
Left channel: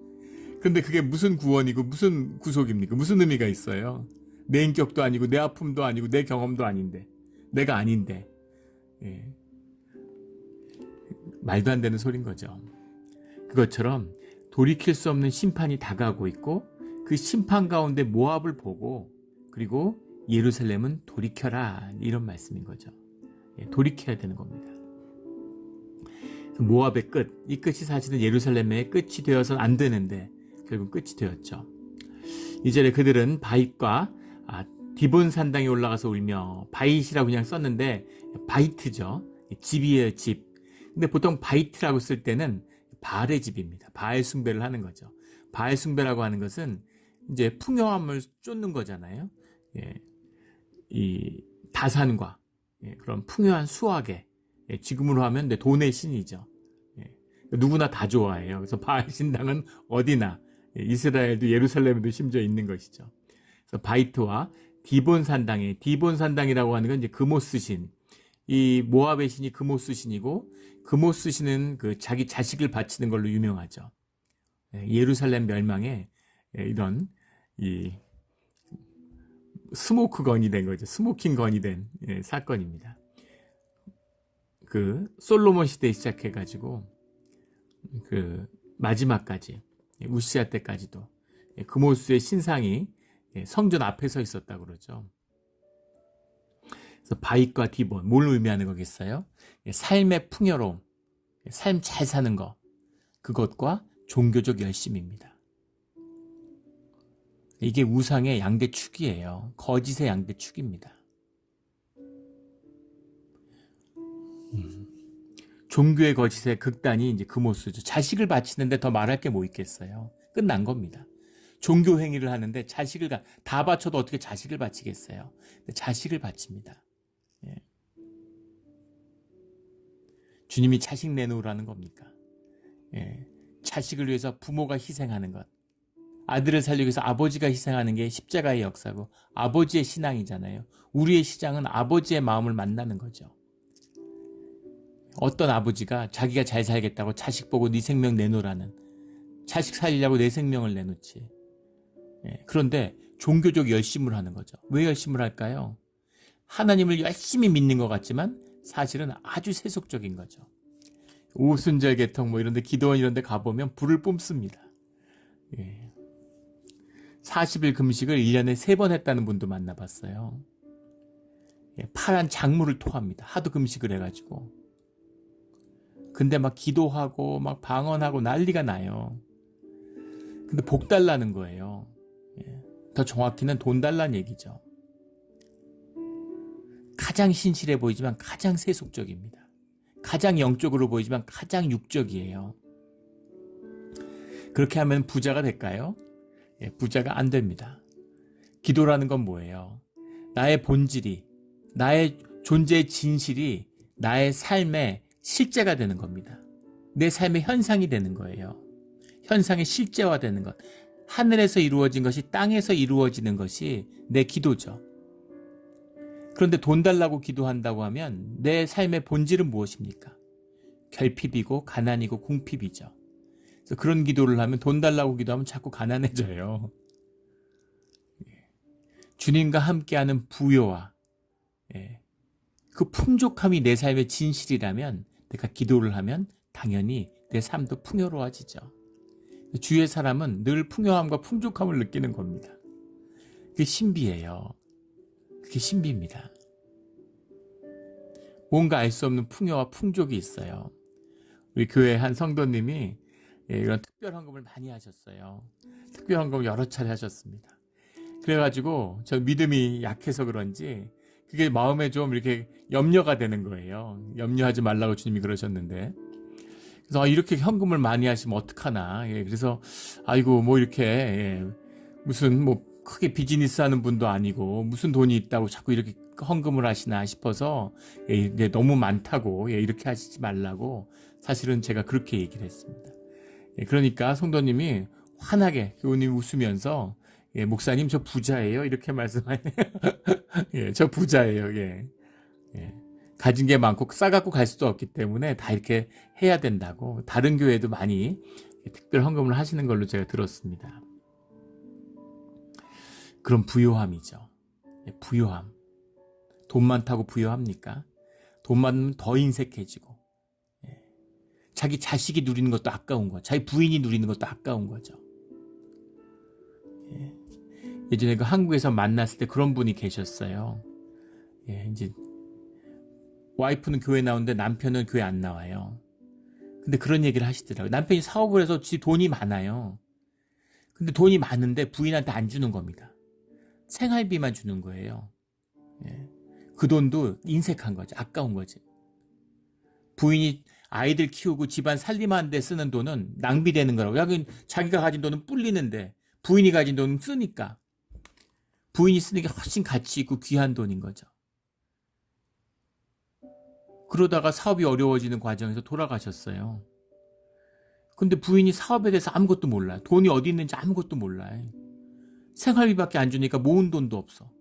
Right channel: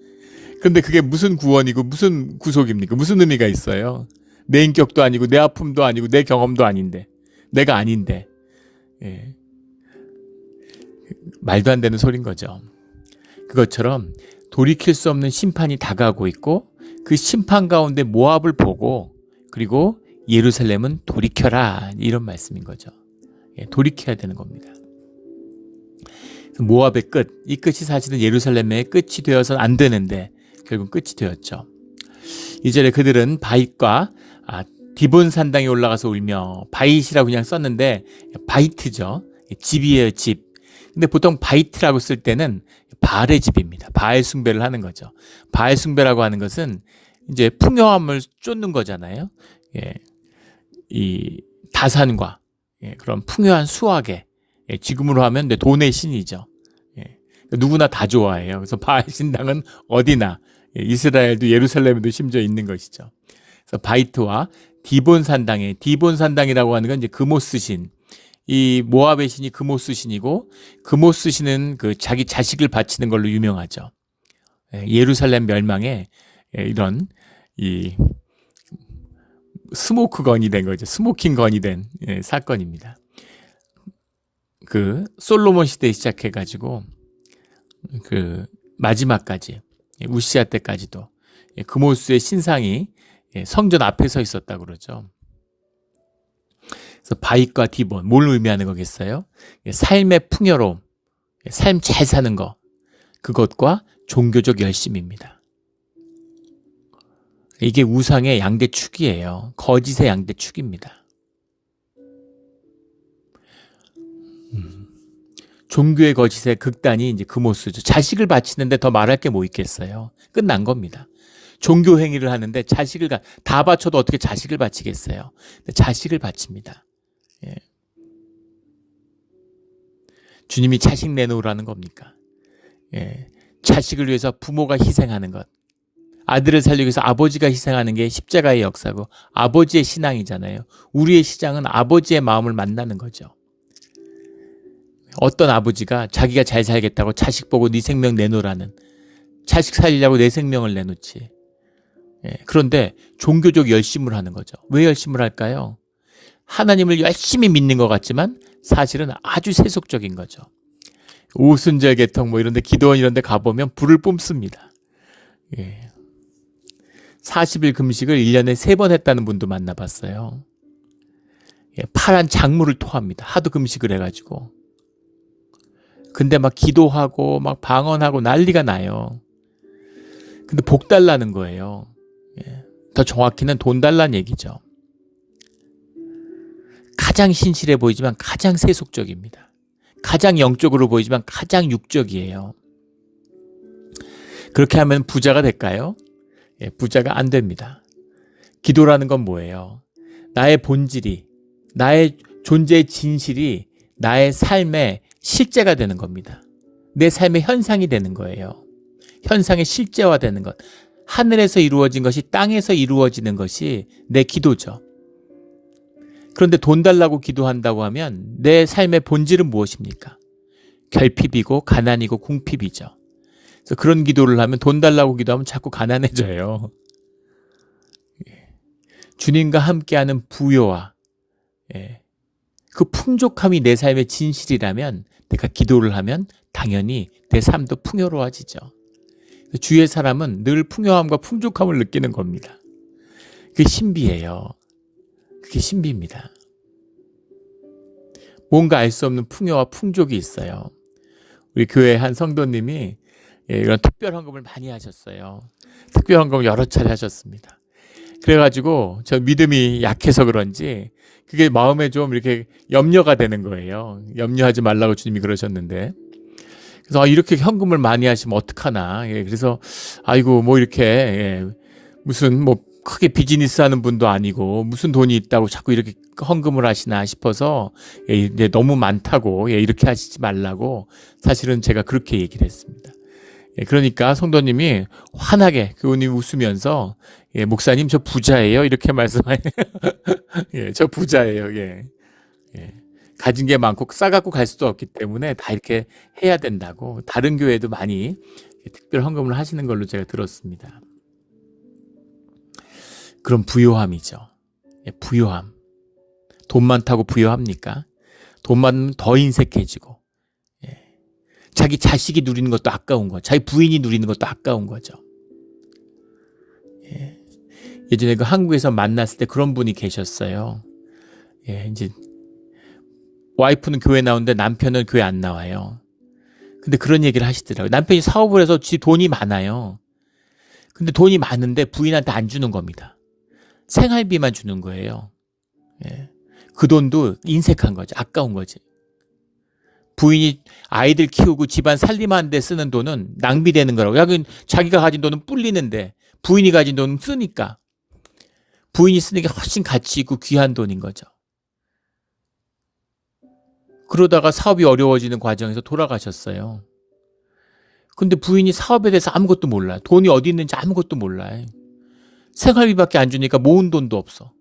그런데 그게 무슨 구원이고 무슨 구속입니까? 무슨 의미가 있어요? 내 인격도 아니고 내 아픔도 아니고 내 경험도 아닌데, 내가 아닌데, 예. 말도 안 되는 소린 거죠. 그것처럼 돌이킬 수 없는 심판이 다가오고 있고 그 심판 가운데 모압을 보고 그리고 예루살렘은 돌이켜라, 이런 말씀인 거죠. 예, 돌이켜야 되는 겁니다. 모압의 끝, 이 끝이 사실은 예루살렘의 끝이 되어서는 안 되는데 결국 끝이 되었죠. 이전에 그들은 바잇과 디본 산당에 올라가서 울며, 바잇이라고 그냥 썼는데 바이트죠. 집이에요, 집. 근데 보통 바이트라고 쓸 때는 바알의 집입니다. 바알 숭배를 하는 거죠. 바알 숭배라고 하는 것은 이제 풍요함을 쫓는 거잖아요. 예, 이 다산과 그런 풍요한 수확에, 지금으로 하면 돈의 신이죠. 누구나 다 좋아해요. 그래서 바알 신당은 어디나, 이스라엘도 예루살렘에도 심지어 있는 것이죠. 그래서 바이트와 디본 산당에, 디본 산당이라고 하는 건 이제 그모스 신, 이 모압의 신이 그모스 신이고, 그모스 신은 그 자기 자식을 바치는 걸로 유명하죠. 예루살렘 멸망에 이런 이 스모크 건이 된 거죠. 스모킹 건이 된 사건입니다. 그 솔로몬 시대에 시작해가지고 그 마지막까지, 우시아 때까지도 그모스의 신상이 성전 앞에 서 있었다고 그러죠. 그래서 바잇과 디본, 뭘 의미하는 거겠어요? 삶의 풍요로움, 삶 잘 사는 거, 그것과 종교적 열심입니다. 이게 우상의 양대축이에요. 거짓의 양대축입니다. 종교의 거짓의 극단이 이제 그모스죠. 자식을 바치는데 더 말할 게 뭐 있겠어요? 끝난 겁니다. 종교 행위를 하는데 자식을 다 바쳐도 어떻게 자식을 바치겠어요? 자식을 바칩니다. 예. 주님이 자식 내놓으라는 겁니까? 예. 자식을 위해서 부모가 희생하는 것, 아들을 살리기 위해서 아버지가 희생하는 게 십자가의 역사고 아버지의 신앙이잖아요. 우리의 시장은 아버지의 마음을 만나는 거죠. 어떤 아버지가 자기가 잘 살겠다고 자식 보고 네 생명 내놓으라는, 자식 살리려고 내 생명을 내놓지. 그런데 종교적 열심을 하는 거죠. 왜 열심을 할까요? 하나님을 열심히 믿는 것 같지만 사실은 아주 세속적인 거죠. 오순절 개통 뭐 이런데, 기도원 이런데 가보면 불을 뿜습니다. 40일 금식을 1년에 3번 했다는 분도 만나봤어요. 파란 작물을 토합니다. 하도 금식을 해가지고. 근데 막 기도하고 막 방언하고 난리가 나요. 근데 복 달라는 거예요. 더 정확히는 돈 달라는 얘기죠. 가장 신실해 보이지만 가장 세속적입니다. 가장 영적으로 보이지만 가장 육적이에요. 그렇게 하면 부자가 될까요? 부자가 안 됩니다. 기도라는 건 뭐예요? 나의 본질이, 나의 존재의 진실이 나의 삶의 실제가 되는 겁니다. 내 삶의 현상이 되는 거예요. 현상의 실제화되는 것. 하늘에서 이루어진 것이 땅에서 이루어지는 것이 내 기도죠. 그런데 돈 달라고 기도한다고 하면 내 삶의 본질은 무엇입니까? 결핍이고 가난이고 궁핍이죠. 그래서 그런 기도를 하면, 돈 달라고 기도하면 자꾸 가난해져요. 주님과 함께하는 부요와 그 풍족함이 내 삶의 진실이라면 내가 기도를 하면 당연히 내 삶도 풍요로워지죠. 주의 사람은 늘 풍요함과 풍족함을 느끼는 겁니다. 그게 신비예요. 그게 신비입니다. 뭔가 알 수 없는 풍요와 풍족이 있어요. 우리 교회 한 성도님이 이런 특별 헌금을 많이 하셨어요. 특별 헌금을 여러 차례 하셨습니다. 그래가지고 저 믿음이 약해서 그런지 그게 마음에 좀 이렇게 염려가 되는 거예요. 염려하지 말라고 주님이 그러셨는데. 그래서 이렇게 현금을 많이 하시면 어떡하나. 예, 그래서 아이고 뭐 이렇게 무슨 뭐 크게 비즈니스 하는 분도 아니고 무슨 돈이 있다고 자꾸 이렇게 헌금을 하시나 싶어서 이제 너무 많다고 이렇게 하시지 말라고 사실은 제가 그렇게 얘기를 했습니다. 그러니까 성도님이 환하게 교우님 웃으면서 목사님 저 부자예요 이렇게 말씀하세요. 저 부자예요. 가진 게 많고 싸갖고 갈 수도 없기 때문에 다 이렇게 해야 된다고 다른 교회도 많이 특별 헌금을 하시는 걸로 제가 들었습니다. 그럼 부요함이죠. 부요함. 돈 많다고 부요합니까? 돈 많으면 더 인색해지고 자기 자식이 누리는 것도 아까운 거죠. 자기 부인이 누리는 것도 아까운 거죠. 예전에 그 한국에서 만났을 때 그런 분이 계셨어요. 이제 와이프는 교회 나오는데 남편은 교회 안 나와요. 근데 그런 얘기를 하시더라고요. 남편이 사업을 해서 지 돈이 많아요. 근데 돈이 많은데 부인한테 안 주는 겁니다. 생활비만 주는 거예요. 그 돈도 인색한 거지. 아까운 거지. 부인이 아이들 키우고 집안 살림하는 데 쓰는 돈은 낭비되는 거라고. 자기가 가진 돈은 불리는데 부인이 가진 돈은 쓰니까. 부인이 쓰는 게 훨씬 가치 있고 귀한 돈인 거죠. 그러다가 사업이 어려워지는 과정에서 돌아가셨어요. 근데 부인이 사업에 대해서 아무것도 몰라요. 돈이 어디 있는지 아무것도 몰라요. 생활비밖에 안 주니까 모은 돈도 없어.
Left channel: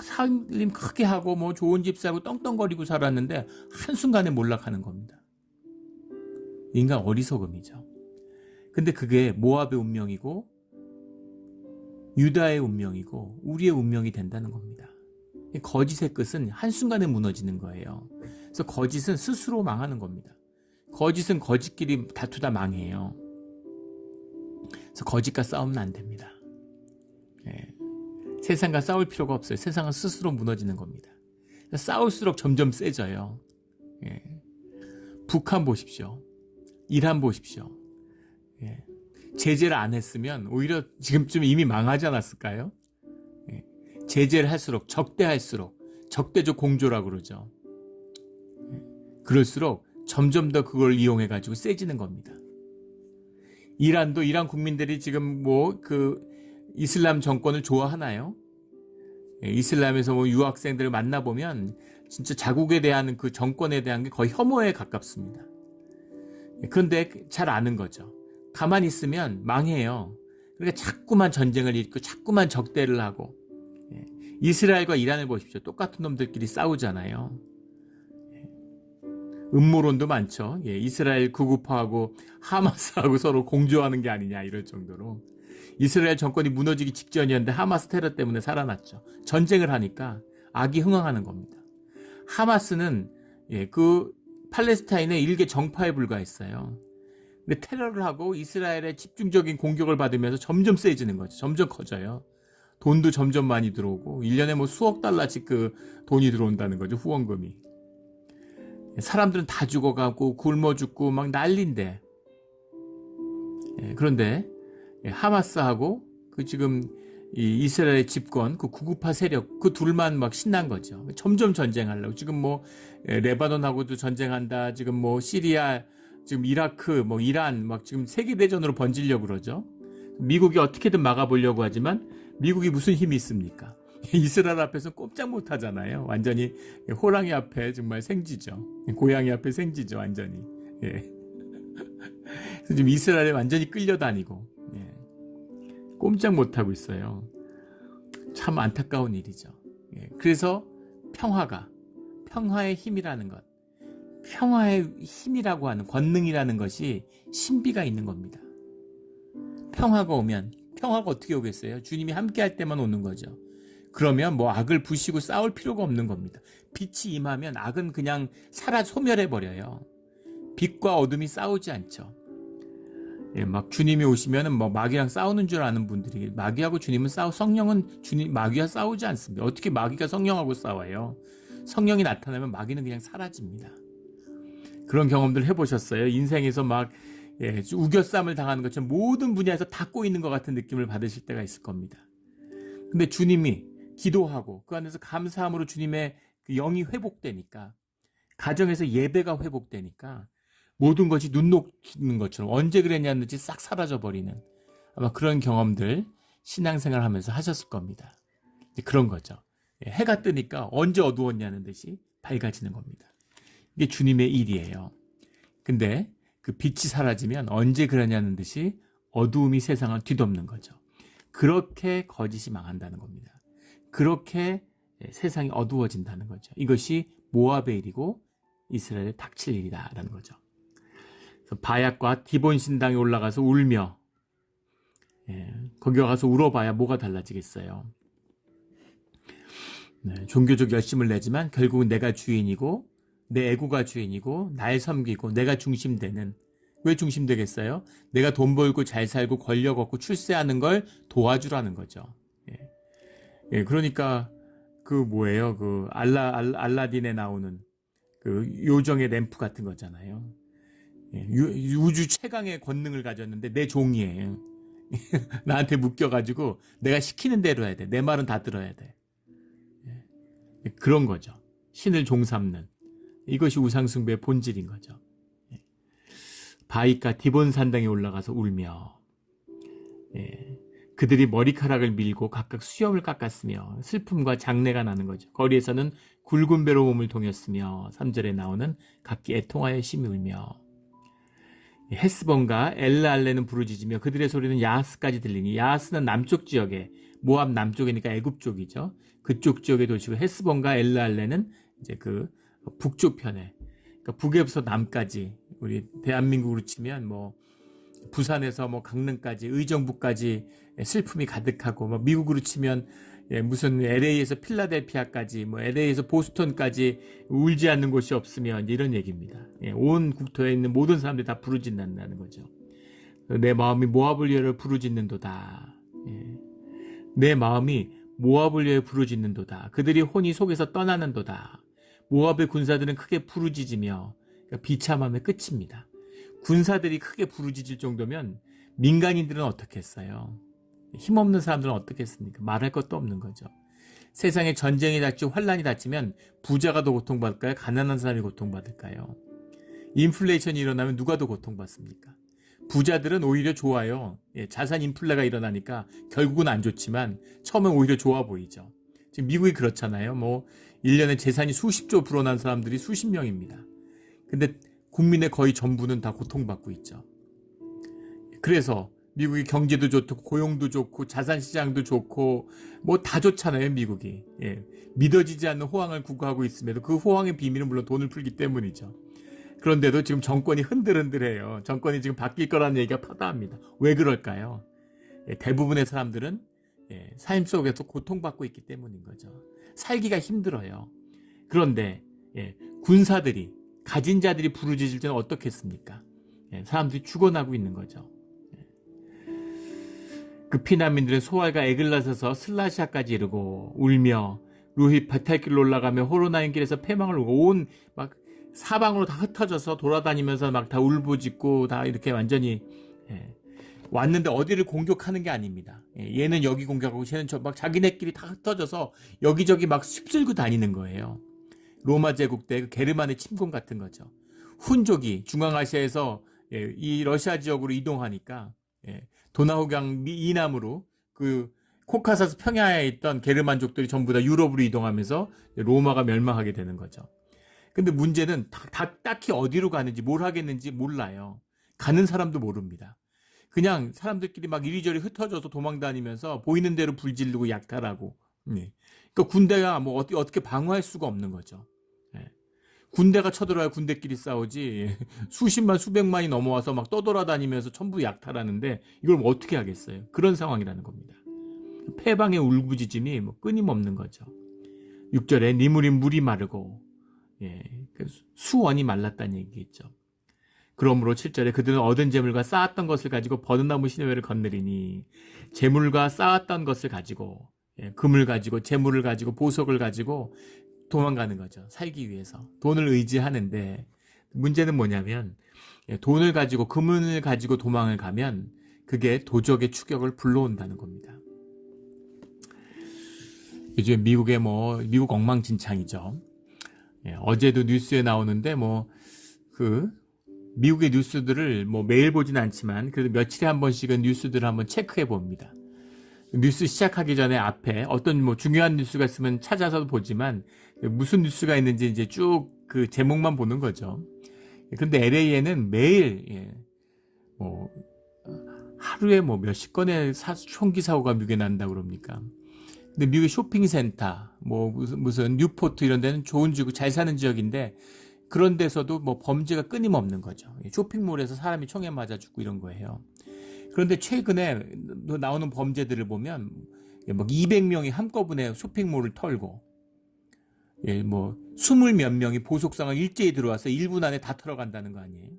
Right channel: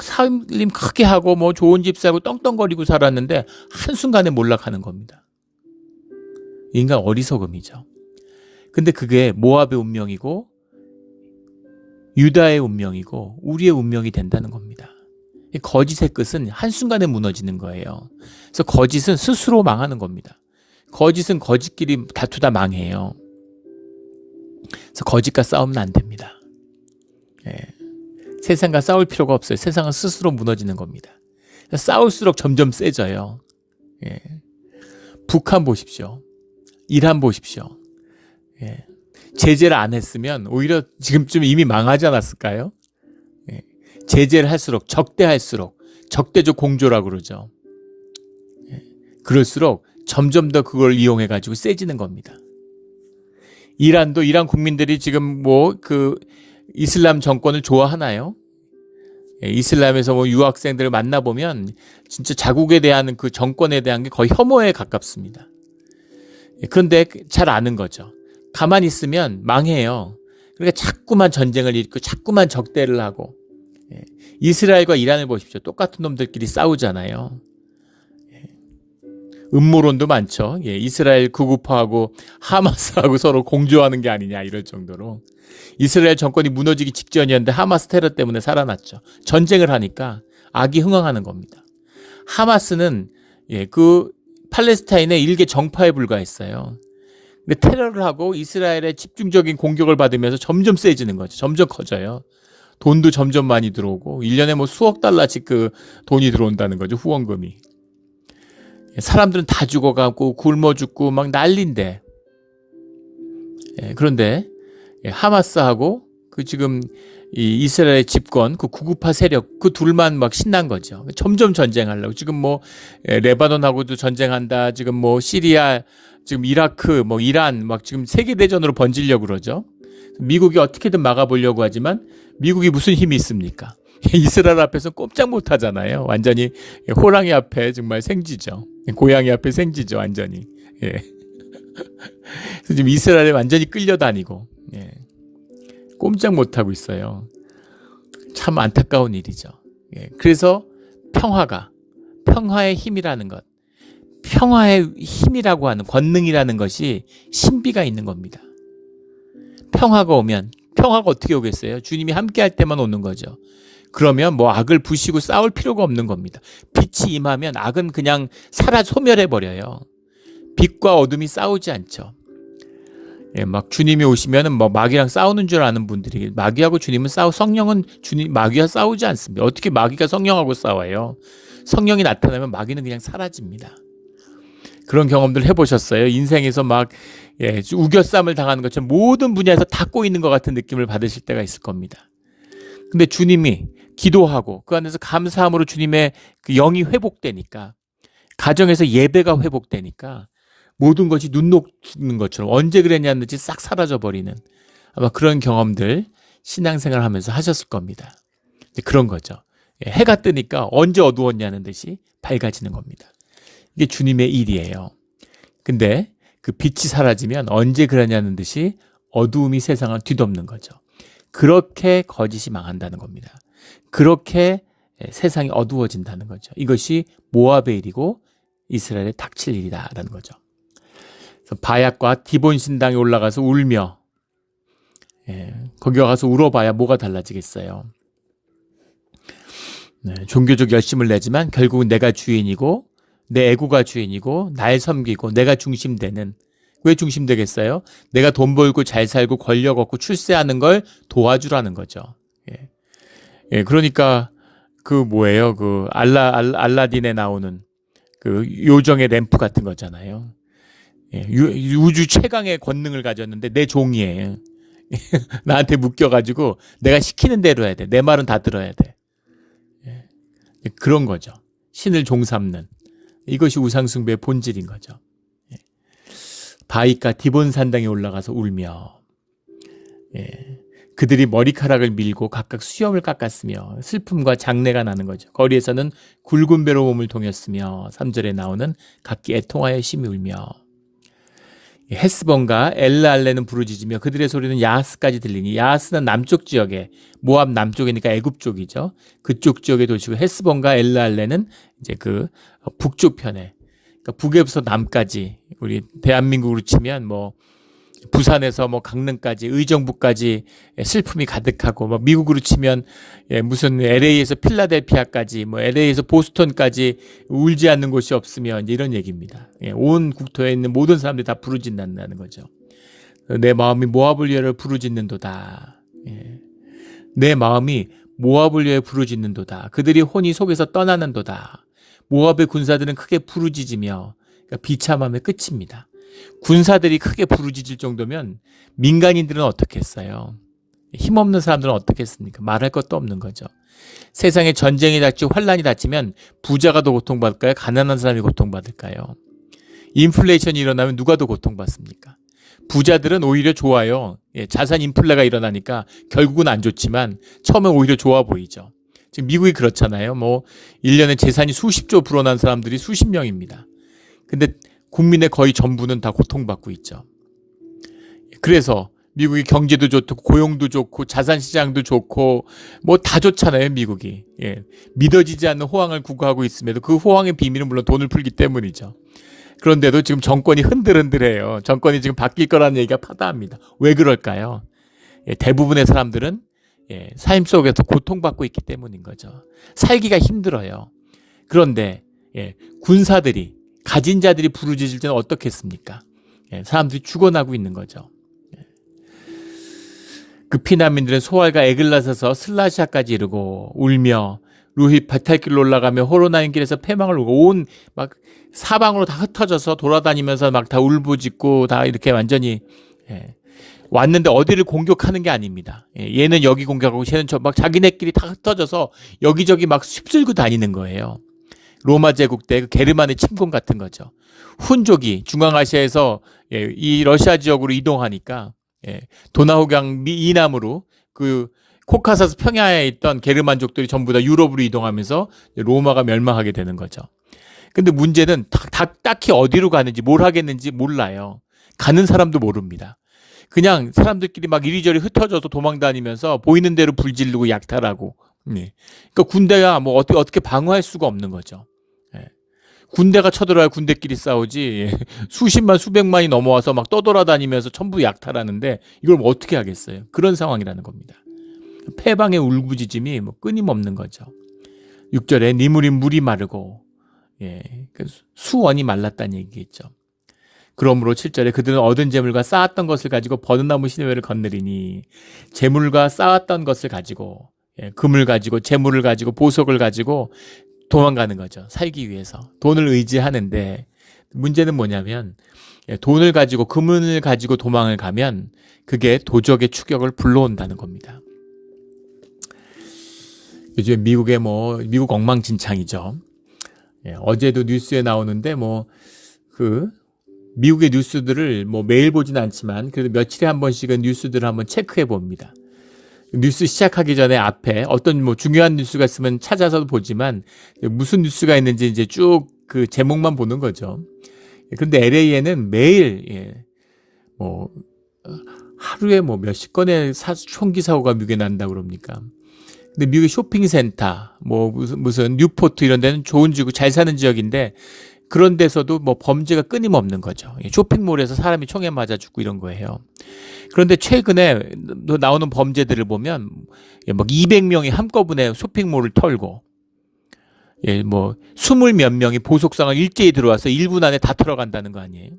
살림 크게 하고 뭐 좋은 집 살고 떵떵거리고 살았는데 한순간에 몰락하는 겁니다. 인간 어리석음이죠. 근데 그게 모압의 운명이고 유다의 운명이고 우리의 운명이 된다는 겁니다. 거짓의 끝은 한순간에 무너지는 거예요. 그래서 거짓은 스스로 망하는 겁니다. 거짓은 거짓끼리 다투다 망해요. 그래서 거짓과 싸우면 안 됩니다. 세상과 싸울 필요가 없어요. 세상은 스스로 무너지는 겁니다. 싸울수록 점점 세져요. 북한 보십시오. 이란 보십시오. 제재를 안 했으면 오히려 지금쯤 이미 망하지 않았을까요? 제재를 할수록 적대할수록 적대적 공조라고 그러죠. 그럴수록 점점 더 그걸 이용해가지고 세지는 겁니다. 이란도 이란 국민들이 지금 뭐 그 이슬람 정권을 좋아하나요? 이슬람에서 뭐 유학생들을 만나보면 진짜 자국에 대한 그 정권에 대한 게 거의 혐오에 가깝습니다. 그런데 잘 아는 거죠. 가만히 있으면 망해요. 그러니까 자꾸만 전쟁을 일으키고 자꾸만 적대를 하고 이스라엘과 이란을 보십시오. 똑같은 놈들끼리 싸우잖아요. 음모론도 많죠. 이스라엘 구구파하고 하마스하고 서로 공조하는 게 아니냐 이럴 정도로. 이스라엘 정권이 무너지기 직전이었는데 하마스 테러 때문에 살아났죠. 전쟁을 하니까 악이 흥황하는 겁니다. 하마스는 그 팔레스타인의 일개 정파에 불과했어요. 근데 테러를 하고 이스라엘의 집중적인 공격을 받으면서 점점 세지는 거죠. 점점 커져요. 돈도 점점 많이 들어오고 1년에 뭐 수억 달러씩 그 돈이 들어온다는 거죠. 후원금이. 사람들은 다 죽어가고 굶어 죽고 막 난리인데 그런데 하마스하고 그 지금 이 이스라엘 집권 그 구구파 세력 그 둘만 막 신난 거죠. 점점 전쟁하려고 지금 뭐 레바논하고도 전쟁한다. 지금 뭐 시리아 지금 이라크 뭐 이란 막 지금 세계 대전으로 번지려고 그러죠. 미국이 어떻게든 막아보려고 하지만 미국이 무슨 힘이 있습니까? 이스라엘 앞에서 꼼짝 못 하잖아요. 완전히 호랑이 앞에 정말 생쥐죠. 고양이 앞에 생쥐죠. 완전히. 지금 이스라엘에 완전히 끌려다니고 꼼짝 못 하고 있어요. 참 안타까운 일이죠. 그래서 평화의 힘이라는 것, 평화의 힘이라고 하는 권능이라는 것이 신비가 있는 겁니다. 평화가 오면 평화가 어떻게 오겠어요? 주님이 함께할 때만 오는 거죠. 그러면 뭐 악을 부시고 싸울 필요가 없는 겁니다. 빛이 임하면 악은 그냥 소멸해버려요. 빛과 어둠이 싸우지 않죠. 막 주님이 오시면은 뭐 마귀랑 싸우는 줄 아는 분들이 마귀하고 주님은 성령은 마귀와 싸우지 않습니다. 어떻게 마귀가 성령하고 싸워요? 성령이 나타나면 마귀는 그냥 사라집니다. 그런 경험들 해보셨어요? 인생에서 막 우겨쌈을 당하는 것처럼 모든 분야에서 다 꼬이는 것 같은 느낌을 받으실 때가 있을 겁니다. 근데 주님이 기도하고 그 안에서 감사함으로 주님의 그 영이 회복되니까, 가정에서 예배가 회복되니까 모든 것이 눈 녹는 것처럼 언제 그랬냐는 듯이 싹 사라져버리는, 아마 그런 경험들 신앙생활 하면서 하셨을 겁니다. 그런 거죠. 해가 뜨니까 언제 어두웠냐는 듯이 밝아지는 겁니다. 이게 주님의 일이에요. 근데 그 빛이 사라지면 언제 그러냐는 듯이 어두움이 세상을 뒤덮는 거죠. 그렇게 거짓이 망한다는 겁니다. 그렇게 세상이 어두워진다는 거죠. 이것이 모압의 일이고 이스라엘의 닥칠 일이다라는 거죠. 바약과 디본 신당에 올라가서 울며, 거기 가서 울어봐야 뭐가 달라지겠어요. 종교적 열심을 내지만 결국은 내가 주인이고 내 애구가 주인이고 날 섬기고 내가 중심되는, 왜 중심되겠어요? 내가 돈 벌고 잘 살고 권력 얻고 출세하는 걸 도와주라는 거죠. 그러니까 그 뭐예요? 그 알라딘에 나오는 그 요정의 램프 같은 거잖아요. 우주 최강의 권능을 가졌는데 내 종이에요. 나한테 묶여가지고 내가 시키는 대로 해야 돼. 내 말은 다 들어야 돼. 그런 거죠. 신을 종삼는. 이것이 우상숭배의 본질인 거죠. 바위가 디본 산당에 올라가서 울며, 그들이 머리카락을 밀고 각각 수염을 깎았으며 슬픔과 장례가 나는 거죠. 거리에서는 굵은 배로 몸을 동였으며 3절에 나오는 각기 애통하여 심히 울며, 헤스본과 엘르알레는 부르짖으며 그들의 소리는 야하스까지 들리니, 야하스는 남쪽 지역에, 모압 남쪽이니까 애굽 쪽이죠. 그쪽 지역의 도시고, 헤스본과 엘르알레는 이제 그 북쪽 편에, 그러니까 북에서 남까지, 우리 대한민국으로 치면 뭐 부산에서 뭐 강릉까지, 의정부까지 슬픔이 가득하고, 뭐 미국으로 치면 무슨 LA에서 필라델피아까지, 뭐 LA에서 보스턴까지 울지 않는 곳이 없으면, 이제 이런 얘기입니다. 온 국토에 있는 모든 사람들이 다 부르짖는다는 거죠. 내 마음이 모압을 위하여 부르짖는도다. 내 마음이 모압을 위하여 부르짖는도다. 그들이 혼이 속에서 떠나는도다. 모압의 군사들은 크게 부르짖으며, 그러니까 비참함의 끝입니다. 군사들이 크게 부르짖을 정도면 민간인들은 어떻게 했어요? 힘없는 사람들은 어떻게 했습니까? 말할 것도 없는 거죠. 세상에 전쟁이 닥치고 환란이 닥치면 부자가 더 고통받을까요? 가난한 사람이 고통받을까요? 인플레이션이 일어나면 누가 더 고통받습니까? 부자들은 오히려 좋아요. 자산 인플레가 일어나니까 결국은 안 좋지만 처음엔 오히려 좋아 보이죠. 지금 미국이 그렇잖아요. 뭐 1년에 재산이 수십조 불어난 사람들이 수십 명입니다. 근데 국민의 거의 전부는 다 고통받고 있죠. 그래서 미국이 경제도 좋고 고용도 좋고 자산시장도 좋고 뭐 다 좋잖아요, 미국이. 믿어지지 않는 호황을 구가하고 있음에도 그 호황의 비밀은 물론 돈을 풀기 때문이죠. 그런데도 지금 정권이 흔들흔들해요. 정권이 지금 바뀔 거라는 얘기가 파다합니다. 왜 그럴까요? 대부분의 사람들은 삶 속에서 고통받고 있기 때문인 거죠. 살기가 힘들어요. 그런데 군사들이, 가진 자들이 부르짖을 때는 어떻겠습니까? 사람들이 죽어나고 있는 거죠. 그 피난민들은 소알과 에글라서서 슬라시아까지 이르고 울며 루히 배탈길로 올라가며 호로나임 길에서 패망을 울고 온 막 사방으로 다 흩어져서 돌아다니면서 막 다 울부짖고 다 이렇게 완전히 왔는데 어디를 공격하는 게 아닙니다. 얘는 여기 공격하고 쟤는 저, 막 자기네끼리 다 흩어져서 여기저기 막 휩쓸고 다니는 거예요. 로마 제국 때 그 게르만의 침공 같은 거죠. 훈족이 중앙아시아에서 이 러시아 지역으로 이동하니까 도나우강 이남으로 그 코카사스 평야에 있던 게르만족들이 전부 다 유럽으로 이동하면서 로마가 멸망하게 되는 거죠. 근데 문제는 딱히 어디로 가는지 뭘 하겠는지 몰라요. 가는 사람도 모릅니다. 그냥 사람들끼리 막 이리저리 흩어져서 도망다니면서 보이는 대로 불지르고 약탈하고. 그러니까 군대가 뭐 어떻게 방어할 수가 없는 거죠. 군대가 쳐들어야 군대끼리 싸우지. 수십만 수백만이 넘어와서 막 떠돌아다니면서 전부 약탈하는데 이걸 뭐 어떻게 하겠어요? 그런 상황이라는 겁니다. 패방의 울부짖음이 뭐 끊임없는 거죠. 6절에 니물이 물이 마르고 수원이 말랐다는 얘기겠죠. 그러므로 7절에 그들은 얻은 재물과 쌓았던 것을 가지고 버드나무 시내외를 거느리니, 재물과 쌓았던 것을 가지고 금을 가지고 재물을 가지고 보석을 가지고 도망가는 거죠. 살기 위해서 돈을 의지하는데, 문제는 뭐냐면 돈을 가지고 금을 가지고 도망을 가면 그게 도적의 추격을 불러온다는 겁니다. 요즘 미국 엉망진창이죠. 예, 어제도 뉴스에 나오는데 미국의 뉴스들을 매일 보진 않지만 그래도 며칠에 한 번씩은 뉴스들을 한번 체크해 봅니다. 뉴스 시작하기 전에 앞에 어떤 중요한 뉴스가 있으면 찾아서도 보지만 무슨 뉴스가 있는지 이제 쭉 그 제목만 보는 거죠. 그런데 LA에는 매일 하루에 몇십 건의 총기 사고가 미국에 난다고 그럽니까? 근데 미국의 쇼핑센터, 무슨 뉴포트 이런 데는 좋은 지구, 잘 사는 지역인데 그런 데서도 범죄가 끊임없는 거죠. 쇼핑몰에서 사람이 총에 맞아 죽고 이런 거예요. 그런데 최근에 나오는 범죄들을 보면 200명이 한꺼번에 쇼핑몰을 털고 20 몇 명이 보석상을 일제히 들어와서 1분 안에 다 털어간다는 거 아니에요?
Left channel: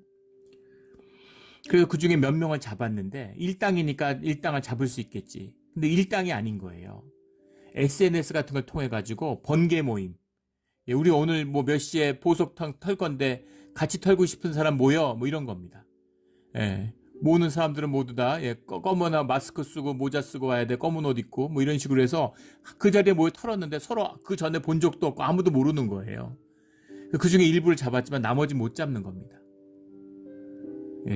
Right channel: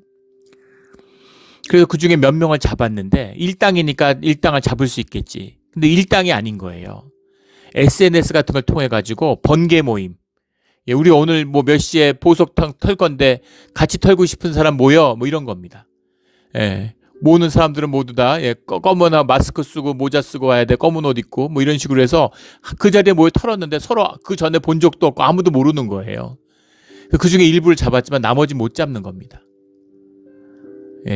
그래서 그중에 몇 명을 잡았는데 일당이니까 일당을 잡을 수 있겠지. 근데 일당이 아닌 거예요. SNS 같은 걸 통해 가지고 번개 모임. 우리 오늘 몇 시에 보석 털 건데 같이 털고 싶은 사람 모여 이런 겁니다. 모으는 사람들은 모두 다 검은 마스크 쓰고 모자 쓰고 와야 돼. 검은 옷 입고 이런 식으로 해서 그 자리에 모여 털었는데 서로 그 전에 본 적도 없고 아무도 모르는 거예요. 그중에 일부를 잡았지만 나머지 못 잡는 겁니다.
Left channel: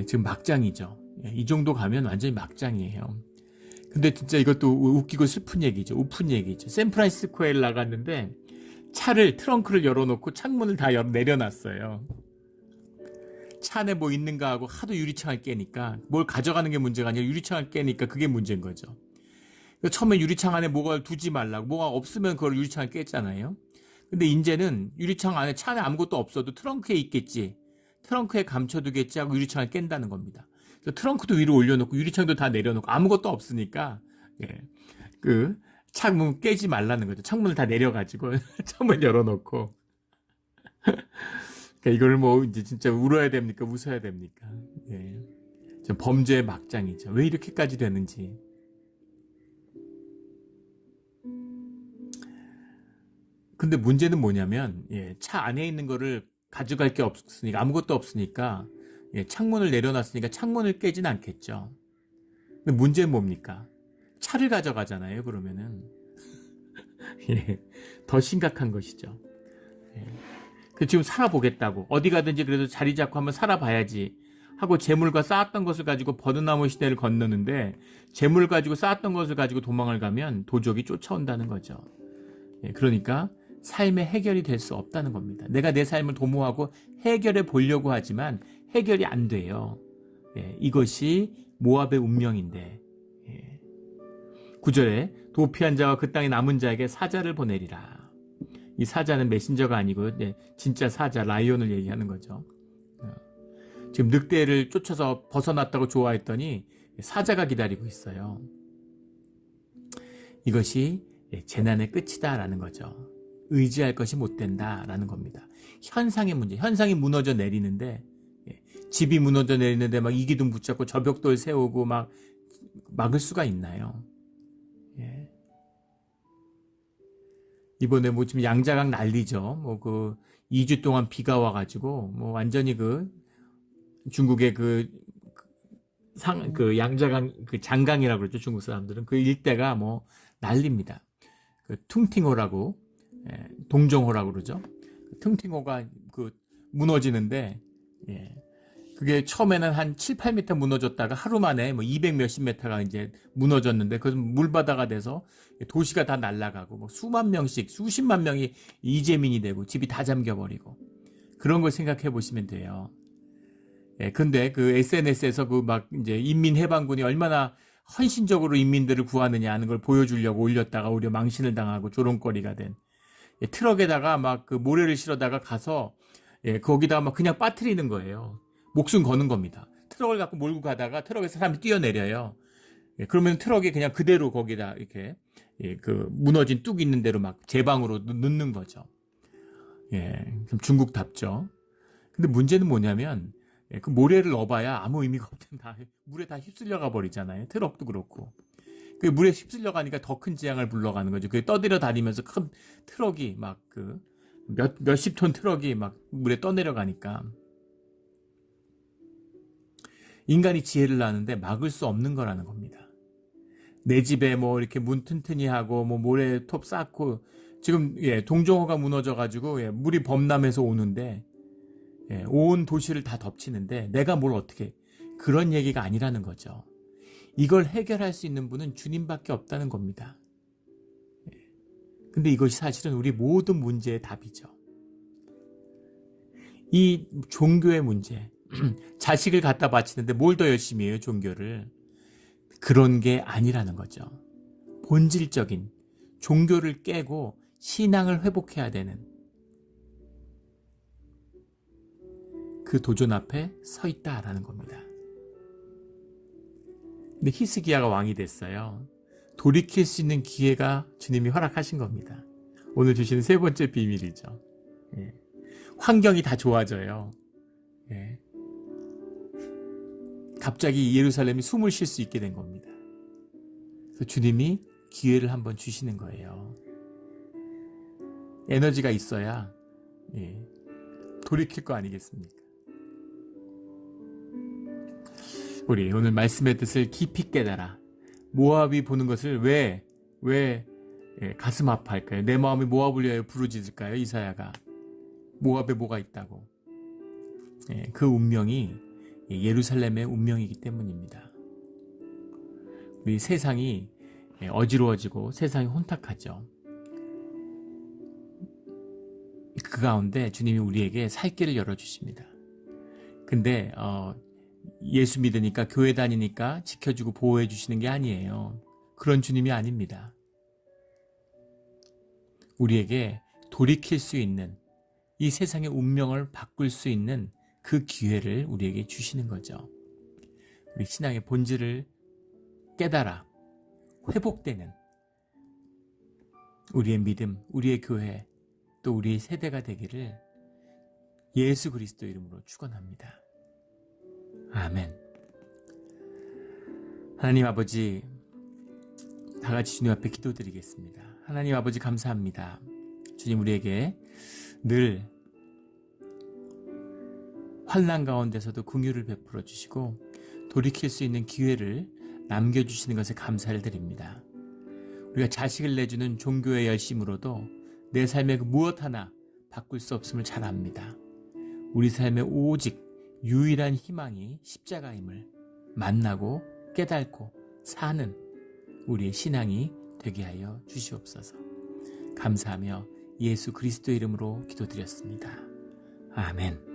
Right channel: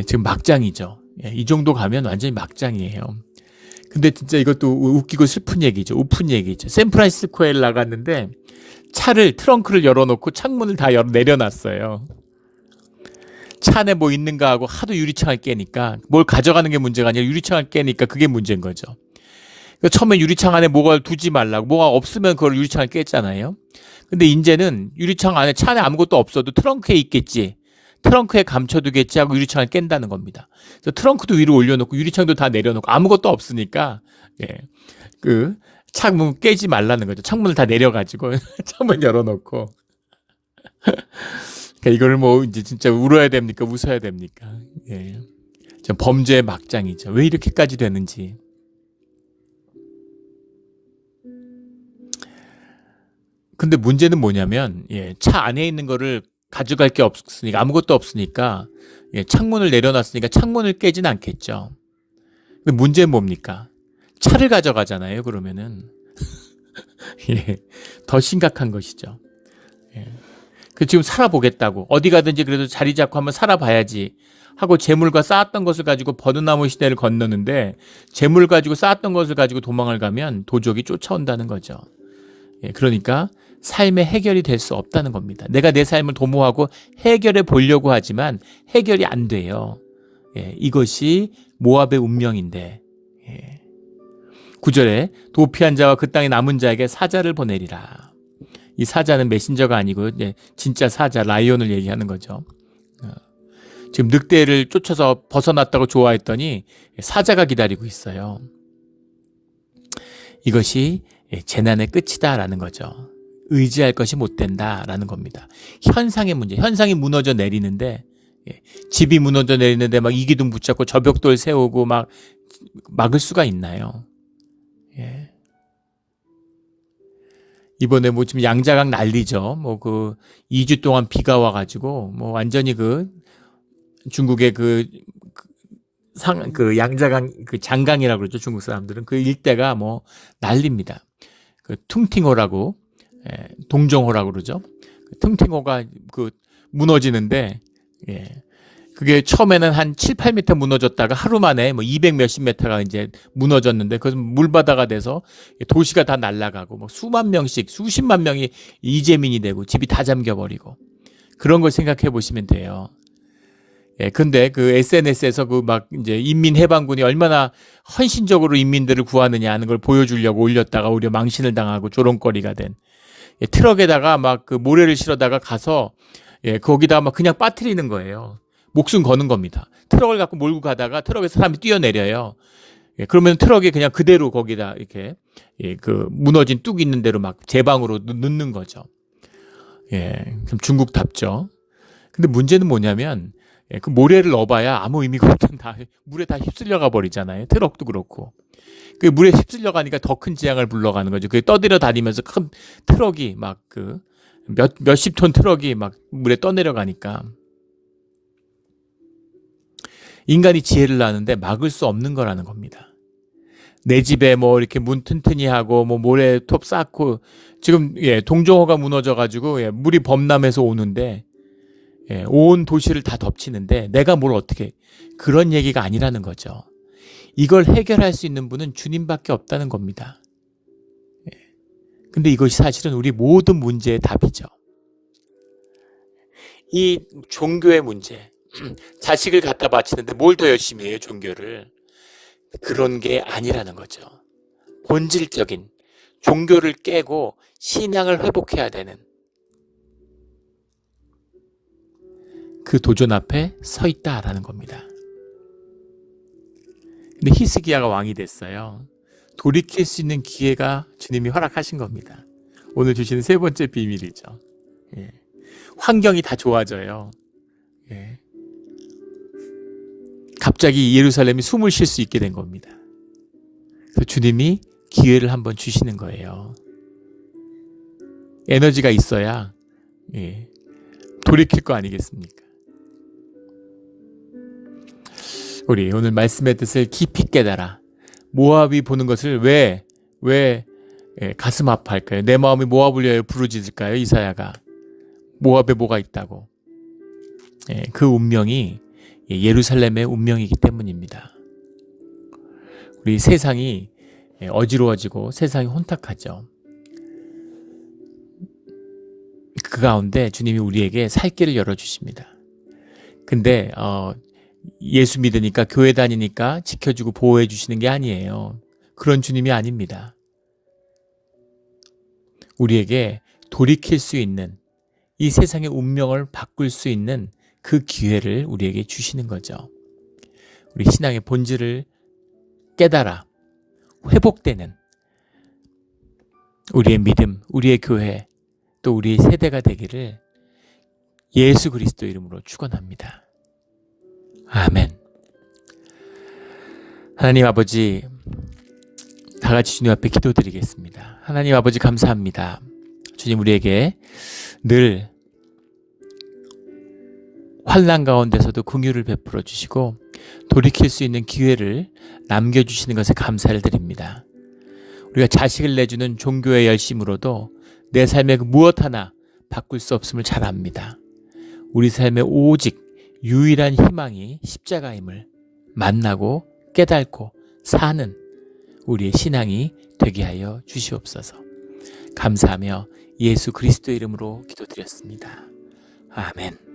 지금 막장이죠. 이 정도 가면 완전히 막장이에요. 근데 진짜 이것도 웃기고 슬픈 얘기죠. 우픈 얘기죠. 샌프란시스코에 나갔는데 차를 트렁크를 열어놓고 창문을 다 내려놨어요. 차 안에 있는가 하고 하도 유리창을 깨니까 뭘 가져가는 게 문제가 아니라 유리창을 깨니까 그게 문제인 거죠. 처음에 유리창 안에 뭐가 두지 말라고 뭐가 없으면 그걸 유리창을 깼잖아요. 근데 이제는 유리창 안에 차 안에 아무것도 없어도 트렁크에 있겠지. 트렁크에 감춰두겠지 하고 유리창을 깬다는 겁니다. 그래서 트렁크도 위로 올려놓고 유리창도 다 내려놓고 아무것도 없으니까 그 창문 깨지 말라는 거죠. 창문을 다 내려가지고 창문 열어놓고 이걸 이제 진짜 울어야 됩니까? 웃어야 됩니까? 범죄의 막장이죠. 왜 이렇게까지 되는지. 근데 문제는 뭐냐면 차 안에 있는 거를 가져갈 게 없으니까 아무것도 없으니까 창문을 내려놨으니까 창문을 깨진 않겠죠. 근데 문제는 뭡니까? 차를 가져가잖아요. 그러면은 더 심각한 것이죠. 지금 살아보겠다고 어디 가든지 그래도 자리 잡고 한번 살아봐야지 하고 재물과 쌓았던 것을 가지고 버드나무 시대를 건너는데 재물 가지고 쌓았던 것을 가지고 도망을 가면 도적이 쫓아온다는 거죠. 그러니까 삶의 해결이 될 수 없다는 겁니다. 내가 내 삶을 도모하고 해결해 보려고 하지만 해결이 안 돼요. 이것이 모압의 운명인데 9절에 도피한 자와 그 땅에 남은 자에게 사자를 보내리라. 이 사자는 메신저가 아니고 진짜 사자 라이온을 얘기하는 거죠. 지금 늑대를 쫓아서 벗어났다고 좋아했더니 사자가 기다리고 있어요. 이것이 재난의 끝이다라는 거죠. 의지할 것이 못 된다라는 겁니다. 현상의 문제, 현상이 무너져 내리는데 집이 무너져 내리는데 이기둥 붙잡고 저벽돌 세우고 막을 수가 있나요? 이번에 지금 양자강 난리죠. 2주 동안 비가 와가지고 완전히 중국의 양자강 장강이라고 그러죠. 중국 사람들은 그 일대가 난립니다. 퉁팅호라고 동정호라고 그러죠. 퉁팅호가 무너지는데 그게 처음에는 한 7, 8m 무너졌다가 하루 만에 200 몇십 미터가 이제 무너졌는데 그것은 물바다가 돼서 도시가 다 날아가고 수만 명씩 수십만 명이 이재민이 되고 집이 다 잠겨버리고 그런 걸 생각해 보시면 돼요. 근데 SNS에서 이제 인민해방군이 얼마나 헌신적으로 인민들을 구하느냐 하는 걸 보여주려고 올렸다가 오히려 망신을 당하고 조롱거리가 된 트럭에다가 모래를 실어다가 가서 거기다 그냥 빠뜨리는 거예요. 목숨 거는 겁니다. 트럭을 갖고 몰고 가다가 트럭에서 사람이 뛰어내려요. 그러면 트럭에 그냥 그대로 거기다 이렇게 무너진 뚝 있는 대로 제방으로 넣는 거죠. 그럼 중국답죠. 근데 문제는 뭐냐면 그 모래를 넣어봐야 아무 의미가 없던 물에 다 휩쓸려가 버리잖아요. 트럭도 그렇고. 그 물에 휩쓸려 가니까 더 큰 재앙을 불러가는 거죠. 그게 떠들어 다니면서 큰 트럭이 몇십 톤 트럭이 물에 떠내려가니까 인간이 지혜를 낳는데 막을 수 없는 거라는 겁니다. 내 집에 뭐 이렇게 문 튼튼히 하고 뭐 모래톱 쌓고 지금 동정호가 무너져가지고 물이 범람해서 오는데 온 도시를 다 덮치는데 내가 뭘 어떻게 그런 얘기가 아니라는 거죠. 이걸 해결할 수 있는 분은 주님밖에 없다는 겁니다. 근데 이것이 사실은 우리 모든 문제의 답이죠. 이 종교의 문제, 자식을 갖다 바치는데 뭘 더 열심히 해요, 종교를. 그런 게 아니라는 거죠. 본질적인 종교를 깨고 신앙을 회복해야 되는 그 도전 앞에 서 있다라는 겁니다. 근데 히스기야가 왕이 됐어요. 돌이킬 수 있는 기회가 주님이 허락하신 겁니다. 오늘 주시는 세 번째 비밀이죠. 환경이 다 좋아져요. 갑자기 예루살렘이 숨을 쉴 수 있게 된 겁니다. 그래서 주님이 기회를 한번 주시는 거예요. 에너지가 있어야 돌이킬 거 아니겠습니까? 우리 오늘 말씀의 뜻을 깊이 깨달아 모압이 보는 것을 왜 가슴 아파할까요? 내 마음이 모압을 위하여 부르짖을까요? 이사야가 모압에 뭐가 있다고. 그 운명이 예루살렘의 운명이기 때문입니다. 우리 세상이 어지러워지고 세상이 혼탁하죠. 그 가운데 주님이 우리에게 살 길을 열어주십니다. 근데 예수 믿으니까 교회 다니니까 지켜주고 보호해 주시는 게 아니에요. 그런 주님이 아닙니다. 우리에게 돌이킬 수 있는 이 세상의 운명을 바꿀 수 있는 그 기회를 우리에게 주시는 거죠. 우리 신앙의 본질을 깨달아 회복되는 우리의 믿음, 우리의 교회, 또 우리의 세대가 되기를 예수 그리스도 이름으로 축원합니다. 아멘. 하나님 아버지, 다 같이 주님 앞에 기도드리겠습니다. 하나님 아버지 감사합니다. 주님 우리에게 늘 환난 가운데서도 긍휼을 베풀어 주시고 돌이킬 수 있는 기회를 남겨주시는 것에 감사를 드립니다. 우리가 자식을 내주는 종교의 열심으로도 내 삶의 무엇 하나 바꿀 수 없음을 잘 압니다. 우리 삶에 오직 유일한 희망이 십자가임을 만나고 깨닫고 사는 우리의 신앙이 되게 하여 주시옵소서. 감사하며 예수 그리스도 이름으로 기도드렸습니다. 아멘.